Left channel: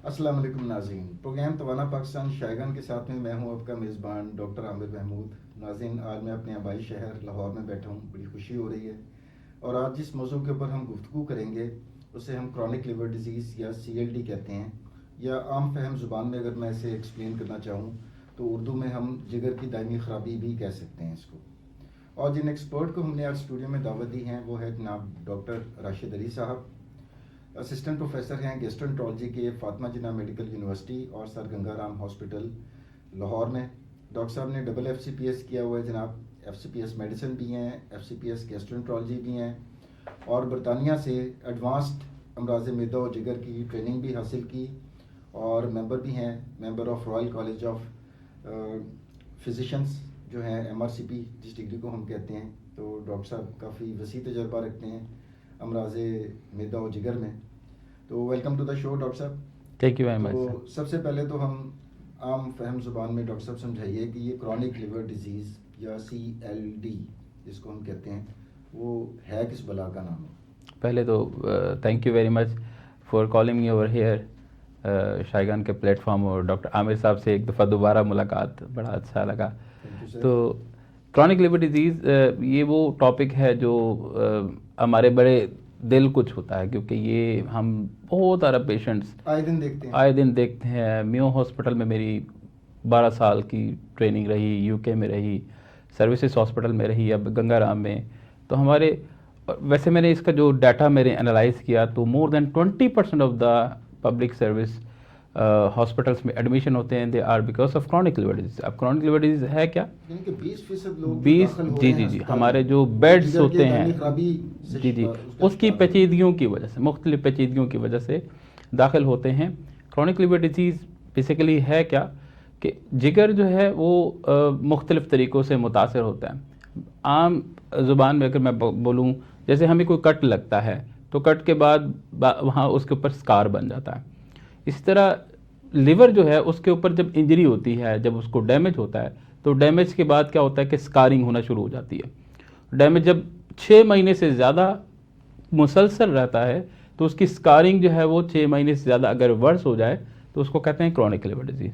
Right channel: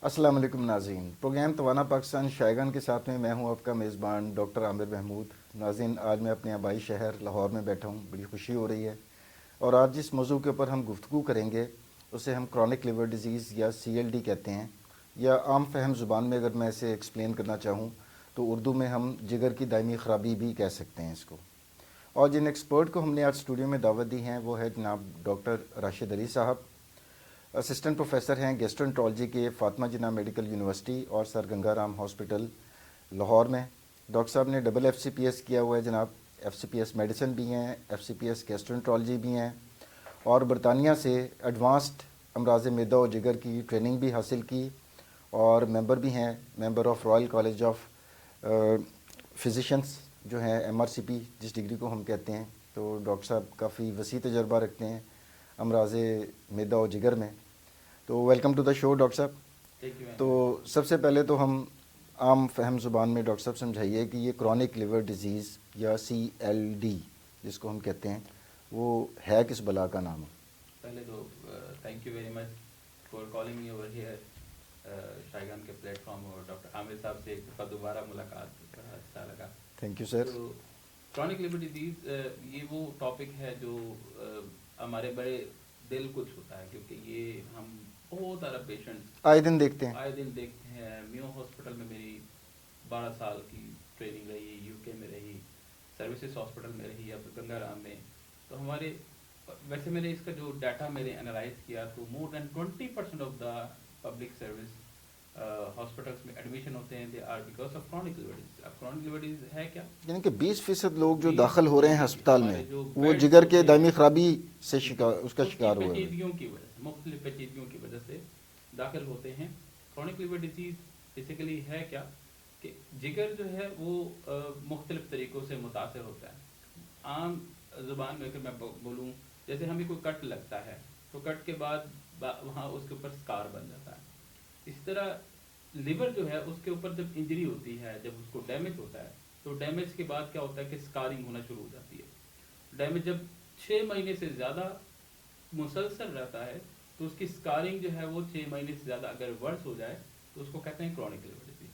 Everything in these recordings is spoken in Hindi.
अस्सलाम वालेकुम नाज़रीन। प्रोग्राम तवाना पाकिस्तान शायगन के साथ में मैं हूं आपका मेज़बान डॉक्टर आमिर महमूद। नाज़रीन, आज मैं अपने आबाई शहर लाहौर में बैठा हूं, बड़ी खुशी हो रही है। और आज जिस मौजू के ऊपर हम गुफ्तगू करेंगे उसे हम क्रॉनिक लिवर डिजीज़ या CLD कहते हैं, या आम फहम ज़ुबान में अगर मैं इसे एक्सप्लेन करना चाहूँ तो उर्दू में हम जिगर की दायमी ख़राबी भी कह सकते हैं इसको। और जिन एक्सपर्ट को हमने आज स्टूडियो में दावत दी है वो है जनाब डॉक्टर राशिद अली साहब, असिस्टेंट प्रोफेसर हैं गैस्ट्रोएंटरोलॉजी के फातिमा जिन्ना मेडिकल यूनिवर्सिटी और सर गंगाराम हॉस्पिटल लाहौर में। डॉक्टर साहब ने डबल FCPS किया हुआ है जनाब, FCPS मेडिसिन भी हैं, FCPS गैस्ट्रोएंटरोलॉजी भी हैं, और बरतानिया से एडवांस्ड अमराज मैदा और जिगर की ट्रेनिंग भी हासिल की, और मेंबर भी हैं, member of royal college of physicians जो है MRCP जिस डिग्री को हम कहते हैं। तो डॉक्टर साहब काफ़ी वसी तजर्बा रखते हैं अमराज मैदा और जिगर में। तो welcome to the show doctor साहब। थैंक यू वेरी तो मच। सबसे पहले तो हम आम फहम ज़ुबान में डॉक्टर साहब समझाइए कि ये क्रॉनिक लिवर डिजीज़ या CLD जिसको हम कहते हैं वो है किस बला का नाम है? पहले तो thank you very much for calling me over here Shaygan के प्लेटफॉर्म, और डॉक्टर आमिर साहब से एक दफ़ा दोबारा मुलाकात बड़ा अच्छा लगा। Thank you sir. तो क्रॉनिक लिवर डिजीज़ ये वो टॉपिक है जो हमारे बड़े दिल को छूता है, क्योंकि ये हम बहुत सारा पेशेंट्स आए दिन देखते हैं। मियो हॉस्पिटल में मेरी 12 साल की ट्रेनिंग रही, UK में रही, सर्विसेज हॉस्पिटल में रही, अब गंगाराम में। तो हमारे वैसे मैंने इसका जो डाटा मेरे एनालाइज किया तो more than 20% of the public service hospitals में एडमिशन होते हैं, they are because of chronic liver disease. अब क्रॉनिक लिवर डिजीज है क्या? यानी कि 20% लोग जो 20 दाखिल हो रहे हैं जी अस्पताल हमारे में, जो वो बेड्स जिगर होते के हैं दायमी खराबी से जी उसका उसकी शिकार हो रहे हैं। पेचीदगियों की वजह से, मुख्तलिफ पेचीदगियों की वजह से दाखिल होते हैं। क्रॉनिक लिवर डिजीज़ बेसिकली है क्या कि जिगर जो है वो मुख्तलिफ तरीक़ों से मुतासर होता है। आम ज़ुबान में अगर मैं बोलूँ, जैसे हमें कोई कट लगता है तो कट के बाद वहाँ उसके ऊपर स्कार बन जाता है। इस तरह लिवर जो है उसके ऊपर जब इंजरी होती है, जब उसको डैमेज होता है, तो डैमेज के बाद क्या होता है कि स्कारिंग होना शुरू हो जाती है। डैमेज जब 6 महीने से ज़्यादा मुसलसल रहता है तो उसकी स्कारिंग जो है वो 6 महीने से ज़्यादा अगर वर्स हो जाए तो उसको कहते हैं क्रॉनिक लिवर डिजीज़।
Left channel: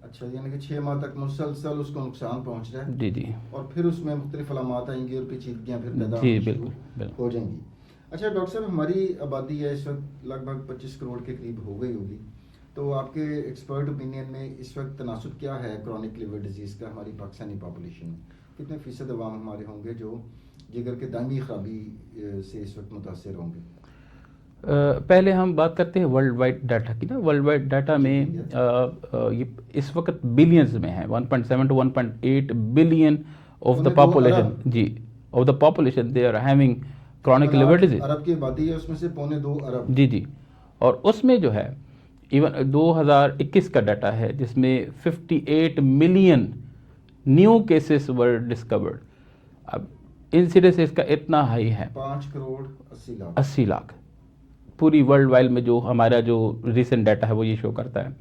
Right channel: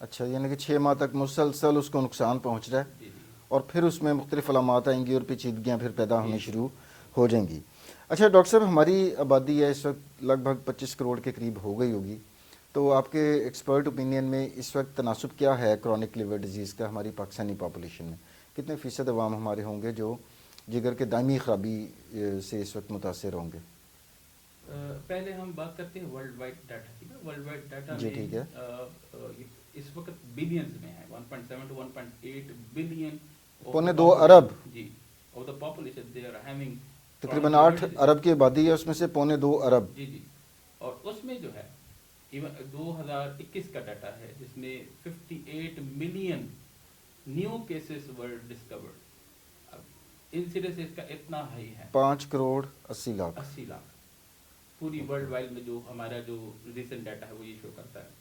अच्छा, यानी कि 6 माह तक मुसलसल उसको नुकसान पहुंच रहा है जी जी और फिर उसमें मुख्तलिफ अलामात आएंगी और पेचीदगियाँ फिर पैदा जी होनी बिल्कुल शुरू बिल्कुल। हो जाएंगी। अच्छा डॉक्टर साहब, हमारी आबादी है इस वक्त लगभग 25 करोड़ के करीब हो गई होगी, तो आपके एक्सपर्ट ओपिनियन में इस वक्त तनासुब क्या है क्रॉनिक लिवर डिजीज़ का हमारी पाकिस्तानी पॉपुलेशन में? कितने फ़ीसद अवाम हमारे होंगे जो जिगर के दायमी खराबी से इस वक्त मुतासर होंगे? पहले हम बात करते हैं वर्ल्ड वाइड डाटा की ना। वर्ल्ड वाइड डाटा जी में ठीक है। ये इस वक्त बिलियंस में है, 1.7 टू 1.8 बिलियन ऑफ पौने द 2 पॉपुलेशन अरब, जी of the population they are having chronic तकरीबन लिवर 8 डिजीज। अरब की आबादी है, उसमें से पौने 2 अरब। जी जी। और उसमें जो है इवन 2021 का डाटा है जिसमें 58 million new cases were discovered. अब इंसिडेंस इसका इतना हाई है, 5 करोड़ 80 लाख। 80 लाख पूरी वर्ल्ड वाइड में। जो हमारा जो रिसेंट डाटा है वो ये शो करता है।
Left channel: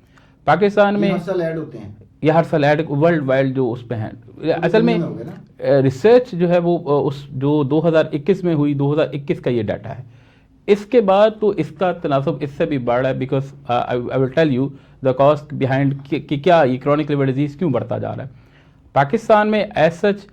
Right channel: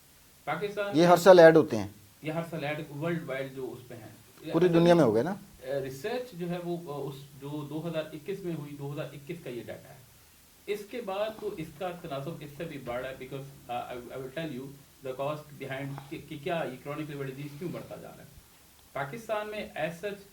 पाकिस्तान ये में हर साल ऐड होते हैं, ये हर साल ऐड वर्ल्ड वाइड जो उस पे हैं। पूरी असल दुनिया में में हो गए ना। रिसर्च जो है वो उस जो 2021 में हुई, 2021 का ये डाटा है। इसके बाद तो इसका तनासब इससे भी बढ़ रहा है, because I will tell you the cost behind कि क्या ये क्रॉनिक लिवर डिजीज क्यों बढ़ता जा रहा है। पाकिस्तान में एज सच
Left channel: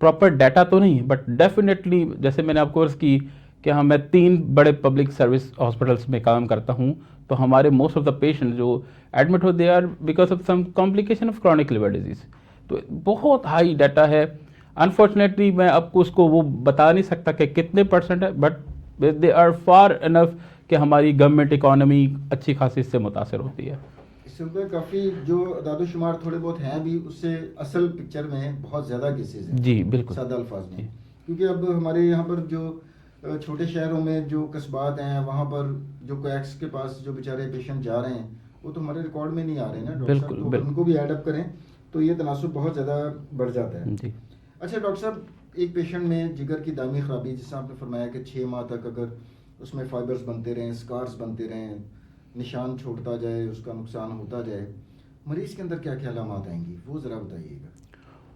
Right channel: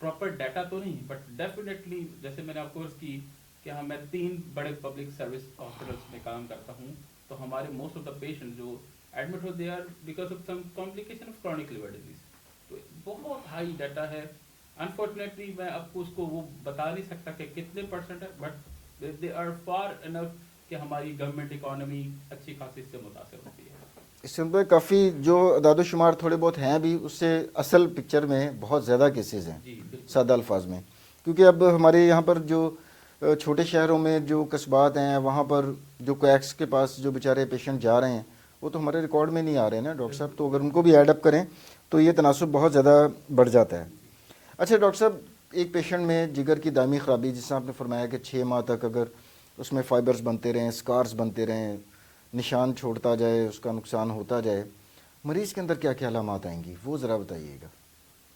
प्रॉपर डाटा तो नहीं है, बट डेफिनेटली जैसे मैंने आपको अर्ज की कि हाँ मैं 3 बड़े पब्लिक सर्विस हॉस्पिटल्स में काम करता हूँ, तो हमारे मोस्ट ऑफ द पेशेंट जो एडमिट हो they are because of some complication of chronic liver disease. तो बहुत हाई डाटा है। अनफॉर्चुनेटली मैं आपको उसको वो बता नहीं सकता कि कितने परसेंट है, but they are far enough कि हमारी गवर्नमेंट इकोनॉमी अच्छी खासी इससे मुतासर होती है। इसमें तो काफ़ी जो अदाद-ओ-शुमार थोड़े बहुत हैं भी, उससे असल पिक्चर में बहुत ज़्यादा केसेस हैं जी बिल्कुल। सादा अल्फाज में। जी क्योंकि अब हमारे यहाँ पर जो छोटे शहरों में जो कस्बात हैं वहाँ पर जो कोएक्स के पास जो बेचारे पेशेंट जा रहे हैं वो तो हमारे रिकॉर्ड में नहीं आ रहे हैं ना डॉक्टर साहब। बिल्कुल तो अगर बिल्कुल। उनको भी ऐड अप करें तो ये तनासुब बहुत ज़्यादा बढ़ जाता है। जी अच्छा डॉक्टर साहब, एक पेशेंट में जिगर की दायमी खराबी, जिससे आपने फरमाया कि 6 माह तक अगर उसमें फाइबर्स बनते रहें, स्कार्स बनते रहें, निशान छोड़ता जाए, उसका नुकसान होता जाए, मरीज़ के अंदर क्या क्या अलामात आएंगी वो ज़रा बताइएगा।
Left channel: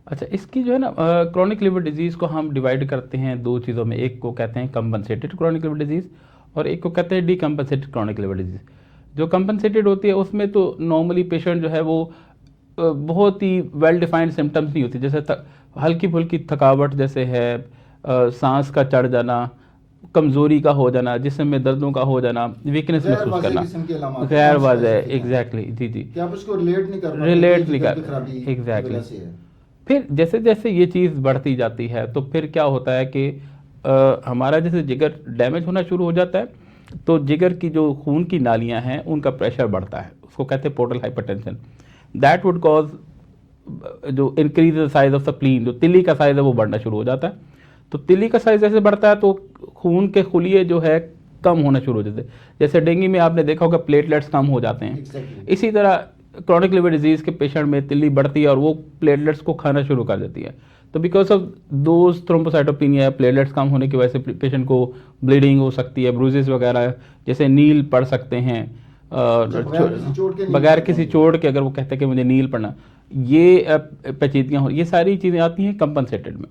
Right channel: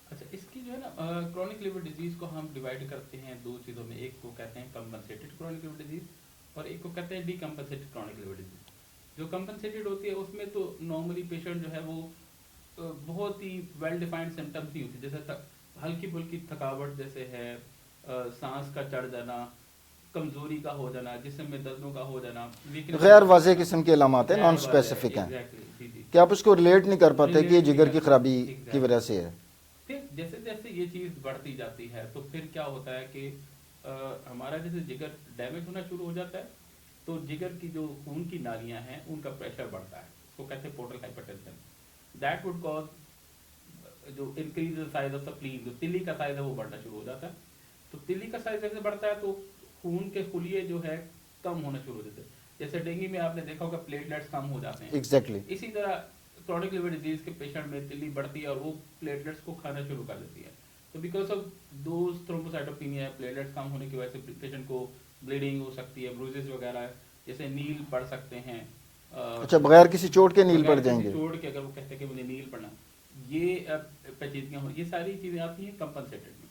अच्छा, इसकी जो है ना क्रॉनिक लिवर डिजीज़ को हम डिवाइड करते हैं 2 चीज़ों में। एक को कहते हैं कंपनसेटेड क्रॉनिक लिवर डिजीज़ और एक को कहते हैं डीकम्पनसेटेड क्रॉनिक लिवर डिजीज़। जो कंपनसेटेड होती है उसमें तो नॉर्मली पेशेंट जो है वो बहुत ही वेल डिफाइंड सिम्टम्स नहीं होती, जैसे हल्की फुल्की थकावट जैसे है, सांस का चढ़ जाना, कमजोरी का हो जाना, जिस्म में दर्दों का हो जाना, वीकनेस गैर महसूस वाज़ेह करना, किस्म के अलामात हैं, गैर नॉन वाज़ेह, स्पेसिफिक हैं एग्जैक्टली, जी जी, कि आप उसको रिलेट नहीं कर पाते रिलेट कि नहीं जिगर की कर खराबी की एग्जैक्टली। वजह से है। फिर जैसे जैसे ये चीज़ बढ़ती जाती है तो फिर क्या होता है कि हमारा जैसे जिगर डैमेज होना शुरू हो जाता है, तो जिगर की जो खून की नालियां हैं उनका प्रेशर बढ़ता है, उसको कहते हैं portal hypertension. That would cause जो increase the size of the spleen, जो तिल्ली का साइज है वो बढ़ना शुरू हो जाता है। तो तिल्ली का साइज जैसे बढ़ता है तो खून के खुलिये जो है कम होना शुरू हो जाते हैं। जैसे डेंगू में आपने देखा होगा प्लेटलेट्स कम हो जाते हैं, एग्जैक्टली। इसी तरह क्रॉनिक लिवर डिजीज के पेशेंट में तिल्ली बढ़ती है और वो प्लेटलेट्स को खाना शुरू कर देती है। तो because of those thrombocytopenia, platelets कम होने की वजह से पेशेंट को ब्लीडिंग हो सकती है, ब्रूजेस वगैरह जैसे नील पड़ सकते हैं। अच्छा, बगैर किसी चोट के नील बगैर पड़ किसी जाएंगे। चोट के अगर वो कहते हैं कि मुझे नील पड़ना, ये पेचीदगियाँ हो, ये सारी चीज़ें आती हैं कंपनसेटेड में।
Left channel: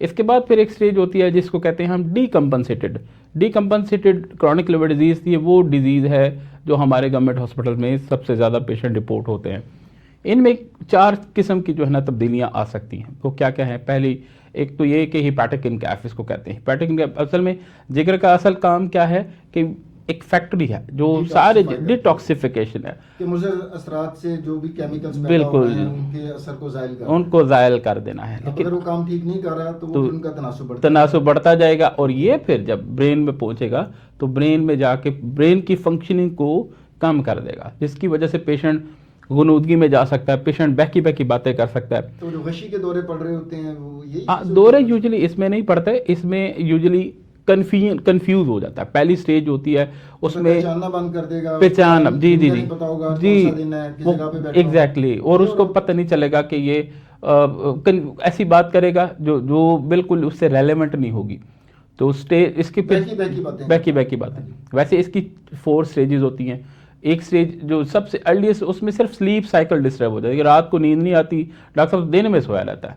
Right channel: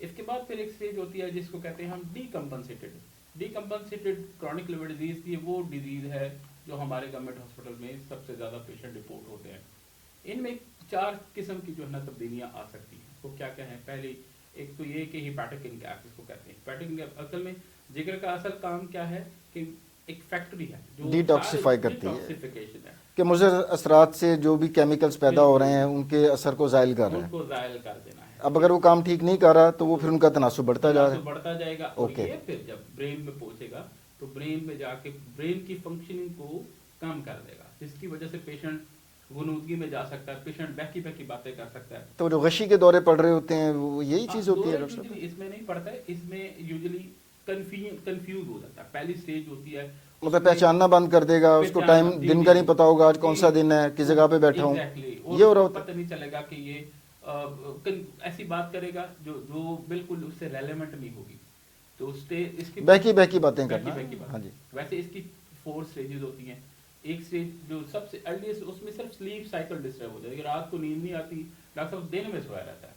इसके बाद फिर एक स्टेज होती है जिसको कहते हैं हम डीकम्पनसेटेड। डीकम्पनसेटेड क्रॉनिक लिवर डिजीज़, ये वो डिजीज़ है जो हमारे गवर्नमेंट हॉस्पिटल में सबसे ज़्यादा पेशेंट रिपोर्ट होते हैं। इनमें 4 किस्म की जो है ना तब्दीलियाँ आ सकती हैं। वो क्या क्या है? पहली एक तो ये कि हिपैटिक इनकैफ इसको कहते हैं। हिपैटिक इनकैफ असल में जिगर का असल काम क्या है कि एक फैक्ट्री है जो सारे डिटॉक्सिफिकेशन है कि मुज़र असरात से जो भी केमिकल्स पैदा हो रहे हैं बिल्कुल उनके असर को ज़ायल कर रहा है। उनको ज़ायल कर देना है। अब अगर वो काम ठीक नहीं कर रहा तो वो फिर उनका तनासुब बढ़ता जाएगा और ये फिर जब ब्रेन में पहुंचेगा तो ब्रेन में जाके ब्रेन की फंक्शनिंग को कम कर देगा, जिसकी वजह से पेशेंट गुनूदगी में जा सकता है, पेशेंट बहकी बहकी बातें कर सकता है। तो जो गशी के दौरे पड़ रहे होते हैं वो यही चीज़ होती है? दौरे यूजुअली इसमें नहीं पड़ता है, इसमें यूजुअली कंफ्यूज हो जाता है। पहली स्टेज होती है उसमें पहचानना बंद कर देगा, पहचान, जी जी, नहीं पता होगा आज कौन सा दिन है, किस जगह पे बैठा हूं। एग्जैक्टली, और उसको पता नहीं चलेगा कि ये ऐसी बात करेगा जो बिल्कुल उससे रेलेवेंट नहीं होगी। तो स्टेज इसकी बहकी बातें। वैसे इसकी 4 स्टेजेस होती हैं। एक स्टेज जो सबसे अर्लीस्ट, उसमें सिर्फ स्लीप साइकिल डिस्टर्ब हो जाती है, रात को नींद नहीं आती, डॉक्टर साहब दिन में सोया रहता है।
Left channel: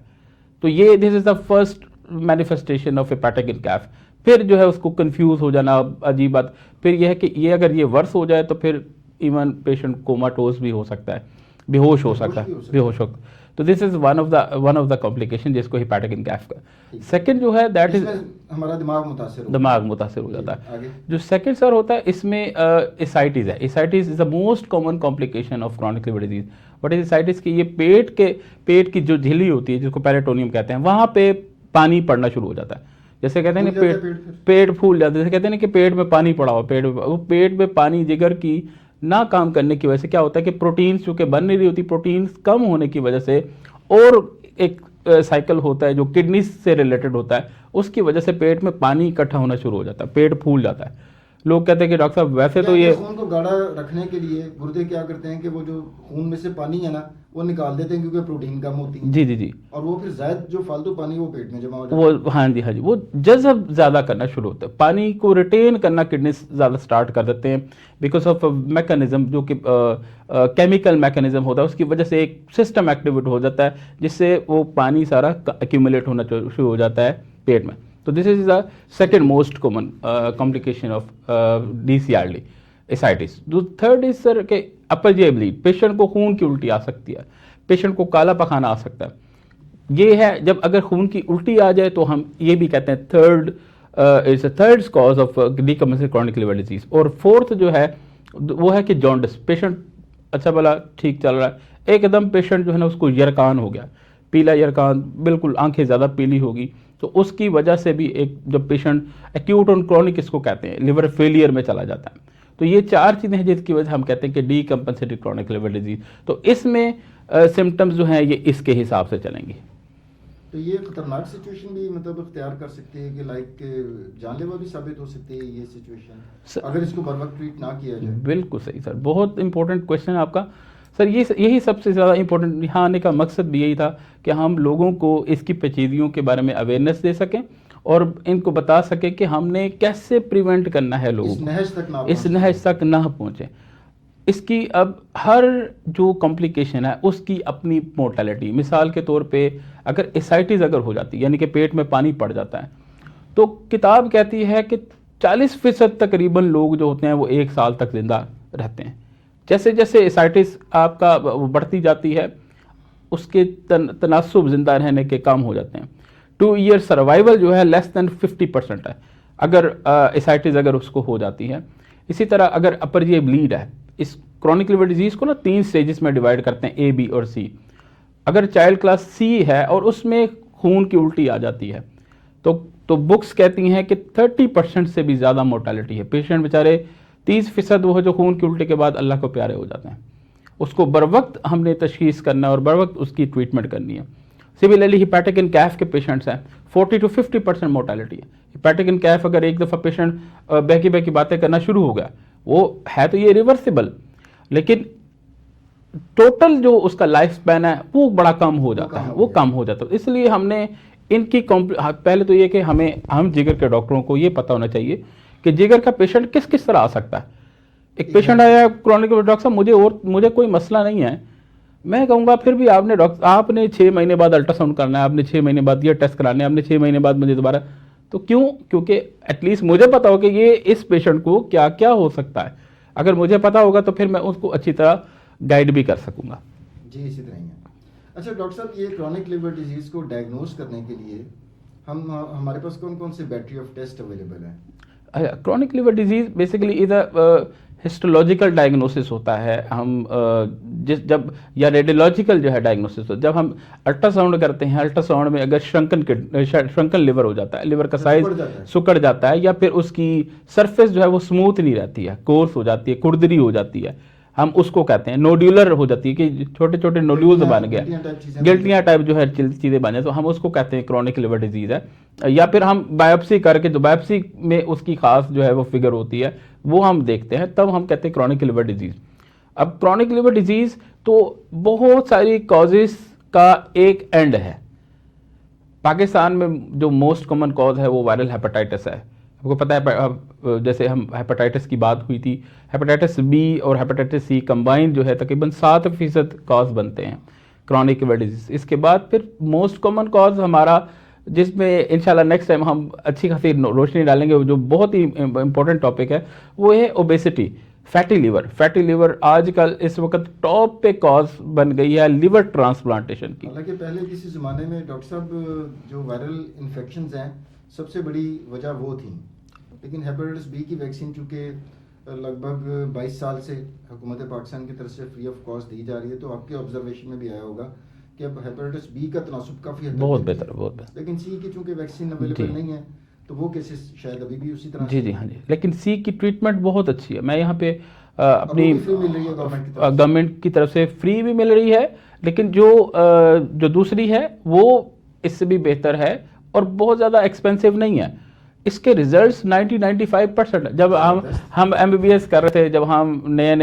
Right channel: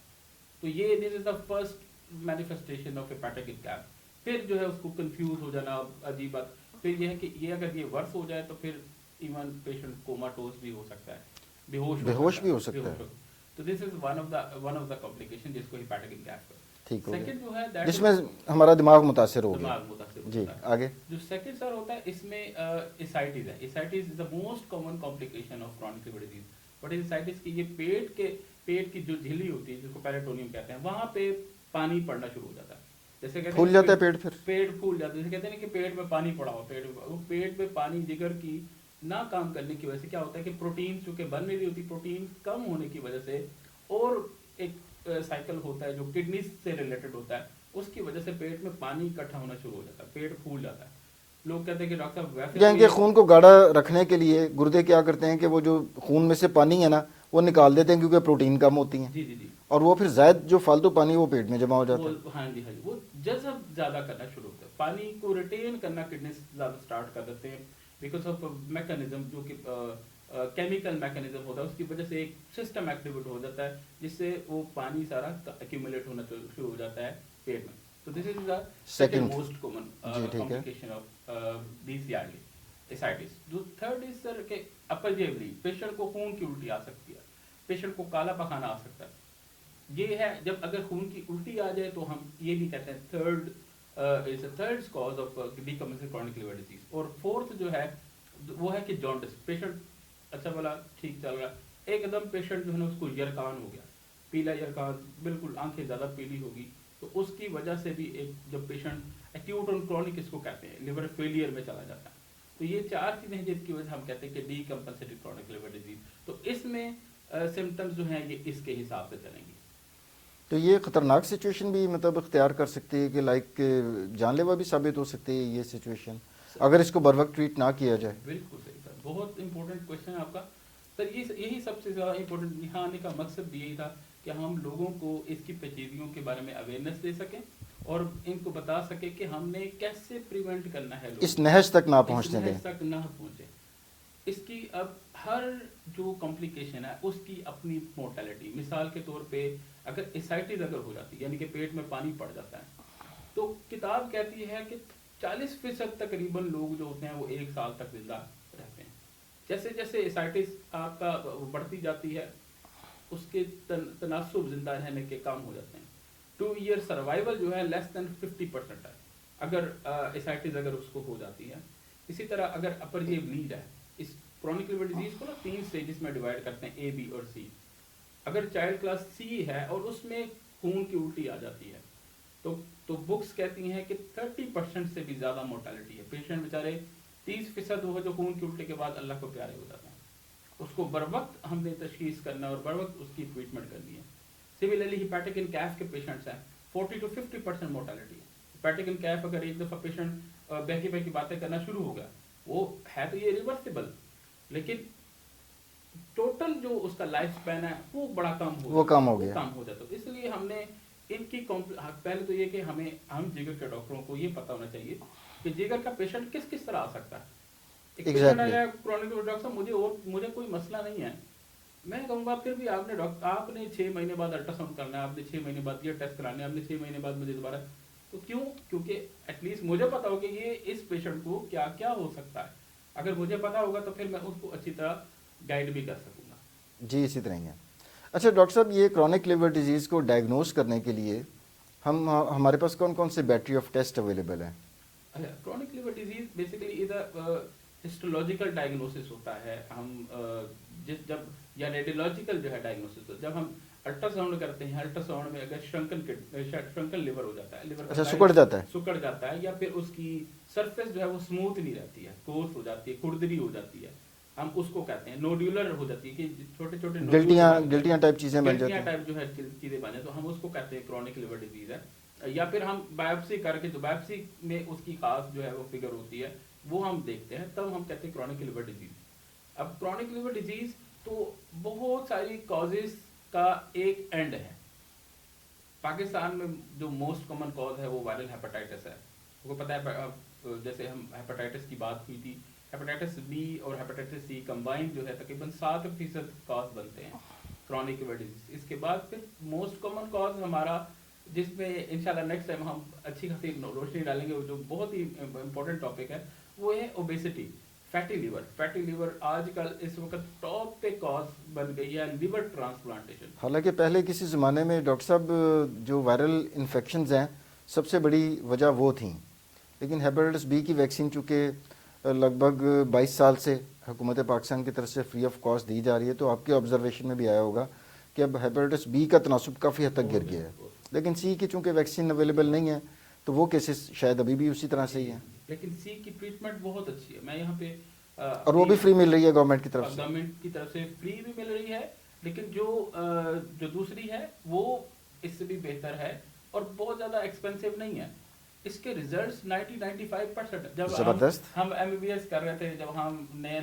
तो ये this is the first manifestation of hepatic enceph. फिर जो है उसको कंफ्यूज हो जाना, अजीब बात। फिर यह है कि ये अगर ये वर्स हो जाए तो फिर इवन पेशेंट कोमाटोज भी हो सकता है, बेहोश हो सकता है। तो this is one of the complication जिसको हेपेटिक इनकैफ का। सेकंड जो है दैट इज हमारा दिमाग मुतासिर हो जाता है। आगे जो सेकंड सर होता है इसमें एसाइटिस है। Ascites is the most common complication of chronic liver disease. But ascites की ये पेट की जो झिल्ली होती है जिसको पेरिटोनियम कहते हैं, वहां पे पानी पड़ना शुरू हो जाता है। जैसे कहते हैं ना पेट फूल जाता है, जैसे कहते हैं ना कि पेट में पानी पड़ा हो, पेट में पानी जिगर की ना काम करने की वजह से क्या होता है कि प्रोटीन्स चूंकि बन नहीं रही होती, प्रोटीन्स कम होने की वजह से, और एक साइकिल होता है जो किडनी से रिलेटेड होता है, उसकी वजह से पेट में पानी इकट्ठा होना शुरू हो जाता है, पेट फूल जाता है। लोग कहते हैं कि डॉक्टर साहब वैसे तो ये खून को गाढ़ा रखने के लिए गुर्दे क्या करते हैं कि वो जो खून में से पानी है ना वो निकाल देते हैं क्योंकि प्रोटीन कम होती है। जी जी जी, और वो फिर जायद जो फालतू पानी वो पेट में जमा हो जाता है। वो हाँ जी, वो जज़ब ज्यादा करना शुरू होता है, पानी को रिटेन करना किडनी ज्यादा स्टार्ट कर देते हैं बिकॉज ऑफ मैकेनिज्म जो कि केमिकल मैकेनिज्म होता है, उसकी वजह से एक सिस्टम एक्टिवेट हो जाता है जिससे वो पानी सारा एक्यूमुलेट होना शुरू हो जाता है पेट में। तो this is the second most common complication of DCRD ascites. जो थर्ड इज सर के अपर जी ब्लीड, पेशेंट को खून की उल्टी आ सकती है, पेशेंट को काला पखाना आ सकता है। ये है जब अगर खून की उल्टी आ जाए तो हम ये भी कहते हैं third cause of decompensated chronic liver disease. और फोर्थ जो है वो है कि जॉन्डिस, पेशेंट अच्छा भला ठीक चल रहा है, एकदम पेशेंट जो है ना उसको यरकान हो गया, पीला यरकान, बिल्कुल आंखें ज़्यादा पीली होगी, तो उसकी वजह से भी एक जब पेशेंट एक्यूट और क्रॉनिक इसको कहते हैं लिवर फेलियर में चला जाता है। तो ये 4 चीज़ें हैं जिसकी वजह हम कहते हैं कि डीकम्पनसेटेड क्रॉनिक लिवर डिजीज। तो इसमें सिम्टम्स जो हैं ये इसके हिसाब से चलेंगे। तो ये खतरनाक सिचुएशन भी मतलब इख्तियार कर सकती है कि लाइक जानलेवा भी साबित हो सकती है ये सिचुएशन अगर इसको बर वक्त ट्रीट ना किया जाए। बिल्कुल सही सर, बहुत इंपॉर्टेंट क्वेश्चन है आपका सर। यही सबसे ज़्यादा इंपॉर्टेंट यहाँ आने का मकसद भी यही था कि हम लोगों को इसकी पेचीदगियों के बारे में अवेयरनेस दे सकें और इनको बता सके कि हमने कैसे प्रिवेंट करना है लोगों इस नहज तक ना पहुँचे। इसकी अब हर जो कॉम्प्लिकेशन है उसकी अपनी मोर्टेलिटी, मिसाल के तौर पे अगर एसाइटिस अगर हो जाती है यानी कि पेट में पानी पड़ जाता है, तो किताब कहती है कि 40% तकरीबन लोग जो होते हैं वो 1 साल तक जिंदा रहते हैं। जैसे जैसे एसाइटिस आपका बढ़ती जाती है उसके तनासुब जिंदा रहने के कम हो जाते हैं। 2 ईयर सर्वाइवल जो है लेस देन 50% है अगर एसाइटिस अगर उसको हो जाती है। इसी तरह अगर अपर ये ब्लीड है, इस क्रॉनिक लिवर डिजीज को ना 3 स्टेजेस में डिवाइड करते हैं, ए, बी और सी। अगर चाइल्ड क्लास सी है और उसमें खून की उल्टी आ जाती है तो बुक्स कहती हैं कि 30% से भी ज़्यादा मोर्टेलिटी है। पेशेंट बेचारे 30% वो जो खून की उल्टी के बाद अल्लाह को प्यारे हो जाते हैं। उसको बर वक्त हमने तशखीस करना है और बर वक्त उसकी ट्रीटमेंट करनी है। सिमिलरली हिपैटिक इन कैफ के पेशेंट्स हैं, 40 to 50% मोर्टेलिटी है। हिपैटिक इन कैफ अगर एक दफ़ा पेशेंट बहकी बहकी बातें करना शुरू हो गया, वो है तो ये रिवर्सिबल, लेकिन टोटल जो उसका लाइफ स्पैन है वो बड़ा कम हो जाता है, वो कम हो जाता है। इसलिए हमने इनकी पहले तो ये कि हम जिगर के डॉक्टरों को ये पता होना चाहिए कि जिगर का पेशेंट किस किस तरह आ सकता है। एक पेशेंट आया क्रॉनिक, डॉक्टर साहब मुझे कोई मसला नहीं है, मैं कहूँगा फिर भी आपने 6 महीने बाद अल्ट्रासाउंड करना है, आपने 6 महीने बाद ये टेस्ट कराने हैं, आपने 6 महीने बाद मुझे दोबारा, तो क्यों? क्योंकि एटलीस्ट मुझे पता हो कि ये इस पेशेंट को क्या क्या हो सकता है। अगर मुझे पता होगा तो फिर मैं उसको अच्छी तरह गाइड भी कर सकूंगा। जी, इसी तरह ही है। अच्छा डॉक्टर साहब, ये क्रॉनिक लिवर डिजीज़ को डायग्नोज करने के लिए हमारे पास कौन कौन से बैटरी ऑफ टेस्ट अवेलेबल है? क्रॉनिक लिवर डिजीज बेसिकली इधर हिस्टोलॉजिकल डायग्नोसिस होता है। हम जब या रेडियोलॉजिकल जो है डायग्नोसिस होता है, जब हम अल्ट्रासाउंड करते हैं, अल्ट्रासाउंड में अगर श्रंकन लिवर हो जाता है, लिवर का साइज सुकड़ जाता है या फिर उसकी सरफेस जो है वो स्मूथ नहीं रहती है, कोर्स हो जाती है, खुरदरी हो जाती है, हम उसको कहते हैं नोड्यूलर हो जाती है कि छोटे छोटे नोड्यूल्स बन गए, गिल्टियां टाइप जो है चीजें बन जाए, तो हम उसको कहते हैं क्रॉनिक लिवर डिजीज है। या फिर हम बायोप्सी करके, जो बायोप्सी में उसकी खास जो है वो फिगर होती है वो हम देखते हैं, तब हम कहते हैं क्रॉनिक लिवर डिजीज। अब क्रॉनिक लिवर डिजीज तो बहुत सारी कॉजेस का एक एंड है। पाकिस्तान में जो मोस्ट कॉमन कॉज है वो वायरल हेपेटाइटिस है। आपको पता है, जैसे हम हेपेटाइटिस की बात हुई थी, हेपेटाइटिस बी और हेपेटाइटिस सी कंबाइन जो है तकरीबन 7% कॉज बनते हैं क्रॉनिक लिवर डिजीज। इसके बाद फिर मोस्ट कॉमन कॉज हमारा, जिसमें इंशाल्लाह नेक्स्ट टाइम हम अच्छी खासी रोशनी डालेंगे, जो बहुत ही इंपॉर्टेंट टॉपिक है, वो है obesity, fatty liver. Fatty liver आजकल इस वक्त टॉप पे कॉज बन गई है लिवर ट्रांसप्लांटेशन की। हालांकि पहले किसी ज़माने में डॉक्टर साहब जो वायरल इन्फेक्शंस हैं सबसे बड़ी वजह वो थी, लेकिन हेपेटाइटिस बी की वैक्सीन चूँकि लगभग 22 साल से हुकूमत पाकिस्तान की तरफ से फ्री ऑफ कॉस्ट दी जा रही है, तो आपके ऑब्जर्वेशन में भी आया होगा कि अब हेपेटाइटिस बी का तनासुब काफ़ी हद तक बहुत बेहतर, लेकिन सी की चूँकि वैक्सीन अवेलेबल नहीं है तो वो केसेस शायद अभी भी उसी तरह जी हाँ जी। लेकिन सी की ट्रीटमेंट बहुत अच्छी है। मैं यहाँ पे अपनी फ्री मिल रही है गवर्नमेंट की तरफ से फ्री भी मिल रही है, लेकिन जो दूसरी है वो इससे भी बेहतर है और बहुत ज़्यादा एक्सपेंसिव नहीं है। इसके रिजल्ट्स 90-95% जब हम एमबीबीएस कर रहे थे, जब हम नए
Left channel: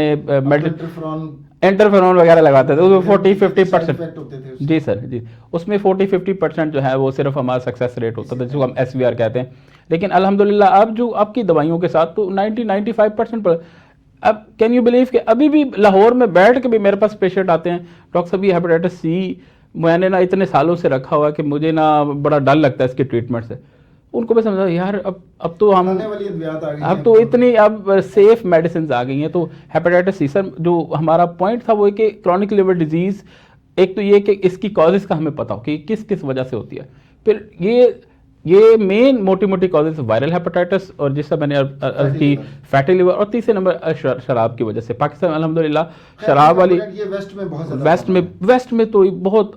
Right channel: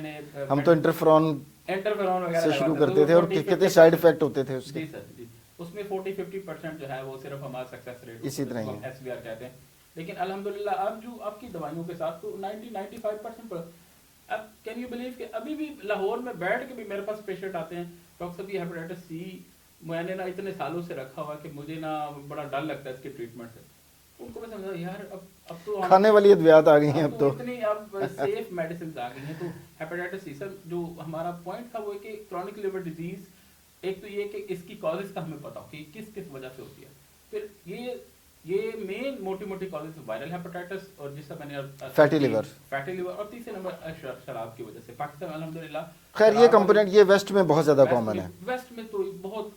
इंटरफेरॉन वगैरह लगाते थे, उसमें 40-50% होते थे। जी सर जी, उसमें 40-50% जो है वो सिर्फ हमारा सक्सेस रेट होता था, जिसको हम SVR कहते हैं। लेकिन अल्हम्दुलिल्लाह अब जो आपकी दवाइयों के साथ तो 90-95% पर। अब कैन यू बिलीव कि अभी भी लाहौर में बैठ के भी मेरे पास पेशेंट आते हैं, डॉक्टर साहब ये हेपेटाइटिस सी मैंने ना इतने सालों से रखा हुआ कि मुझे ना बड़ा डर लगता है इसके ट्रीटमेंट से। उनको भी समझा यार अब तो हम अब तो इतनी अब सेफ मेडिसिन आ गई हैं। तो हेपेटाइटिस सी सर जो हमारा पॉइंट था वो है कि क्रॉनिक लिवर डिजीज, एक तो ये कि इसकी कॉजेस का हमें पता हो कि किस किस वजह से होती है, फिर ये मेन मोटी कॉजेस वायरल हेपेटाइटिस और जिससे मैंने फैटी लिवर, और तीसरे नंबर शराब की वजह से। पाकिस्तान अल्हम्दुलिल्लाह शराब वाली ये वेस्ट में बहुत ज्यादा, वेस्ट में तो बहुत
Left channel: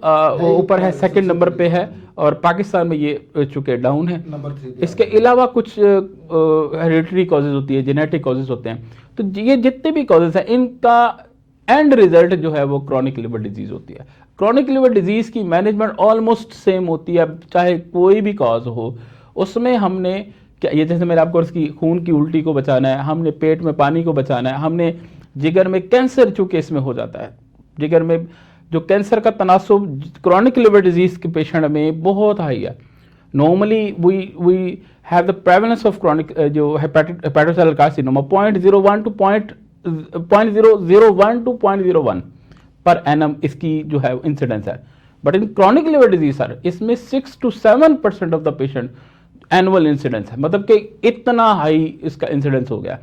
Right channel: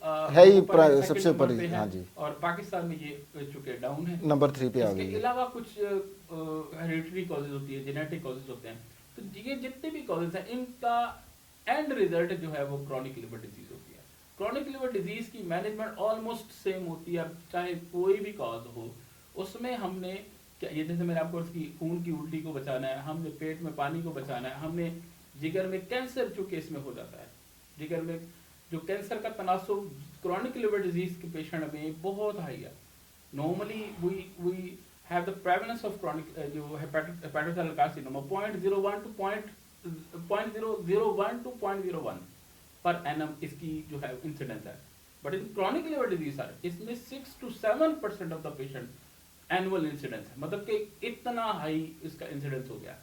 ऊपर है, सेकंड नंबर पे है, और पाकिस्तान में ये चुके डाउन है, नंबर 3 पे। इसके अलावा कुछ हेरिडिटरी कॉजेज होती है, जेनेटिक कॉजेज होते हैं। तो ये जितने भी कॉजेज हैं इनका एंड रिजल्ट जो है वो क्रॉनिक लिवर डिजीज होती है। क्रॉनिक लिवर डिजीज की मैनेजमेंट ऑलमोस्ट सेम होती है, चाहे कोई भी कॉज हो। उसमें हमने ये जैसे मैंने आपको उसकी खून की उल्टी को बचाना है, हमने पेट में पानी को बचाना है, हमने जिगर में कैंसर चूंकि इसमें हो जाता है, जिगर में जो कैंसर का तनासुब क्रॉनिक लिवर डिजीज के पेशेंट में बहुत हाई है। Normally we have the prevalence of chronic जो hepatocellular carcinoma 0.01 to 0.01 per annum इसकी जो है इंसिडेंस है। But in chronic liver disease sir इसमें 6 to 7% of the patient annual incidence है, मतलब कि इतना हाई इसका इंसिडेंस हो गया।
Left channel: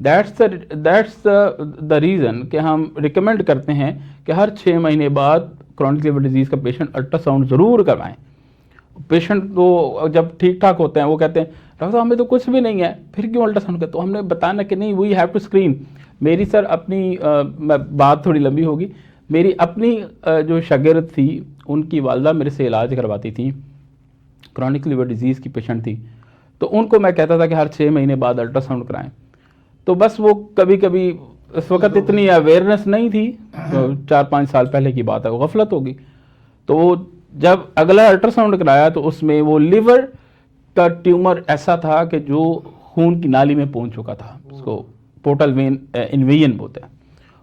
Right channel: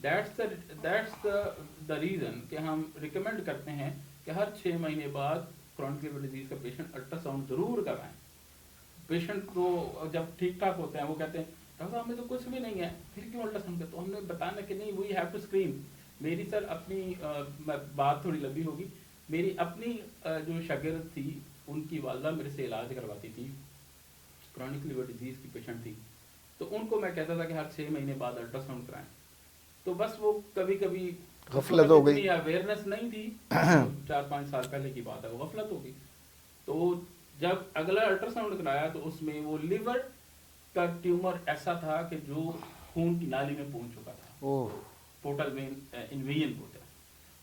दैट्स द रीज़न कि हम रिकमेंड करते हैं कि हर 6 महीने बाद क्रॉनिक लिवर डिजीज़ का पेशेंट अल्ट्रासाउंड ज़रूर करवाएं। पेशेंट को जब ठीक ठाक होते हैं वो कहते हैं डॉक्टर साहब हमें तो कुछ भी नहीं है, फिर क्यों अल्ट्रासाउंड करते? तो हमने बताना कि नहीं, वी हैव टू स्क्रीन। मेरी सर अपनी बात थोड़ी लंबी होगी। मेरी अपनी जो शागिर्द थी, उनकी वालदा मेरे से इलाज करवाती थी, क्रॉनिक लिवर डिजीज़ की पेशेंट थी, तो उनको मैं कहता था कि हर 6 महीने बाद अल्ट्रासाउंड कराएं। तो बस वो कभी कभी उस वक्त इतनी अवेयरनेस नहीं थी, तो 4-5 साल पहले की बात है, वो गफलत होगी। तो वो जब अगला अल्ट्रासाउंड कराया तो उसमें वो लिवर का ट्यूमर ऐसा था कि जो खून की नाली में पहुंच चुका था, उसको पोर्टल वेन इन्वेजन बोलते हैं,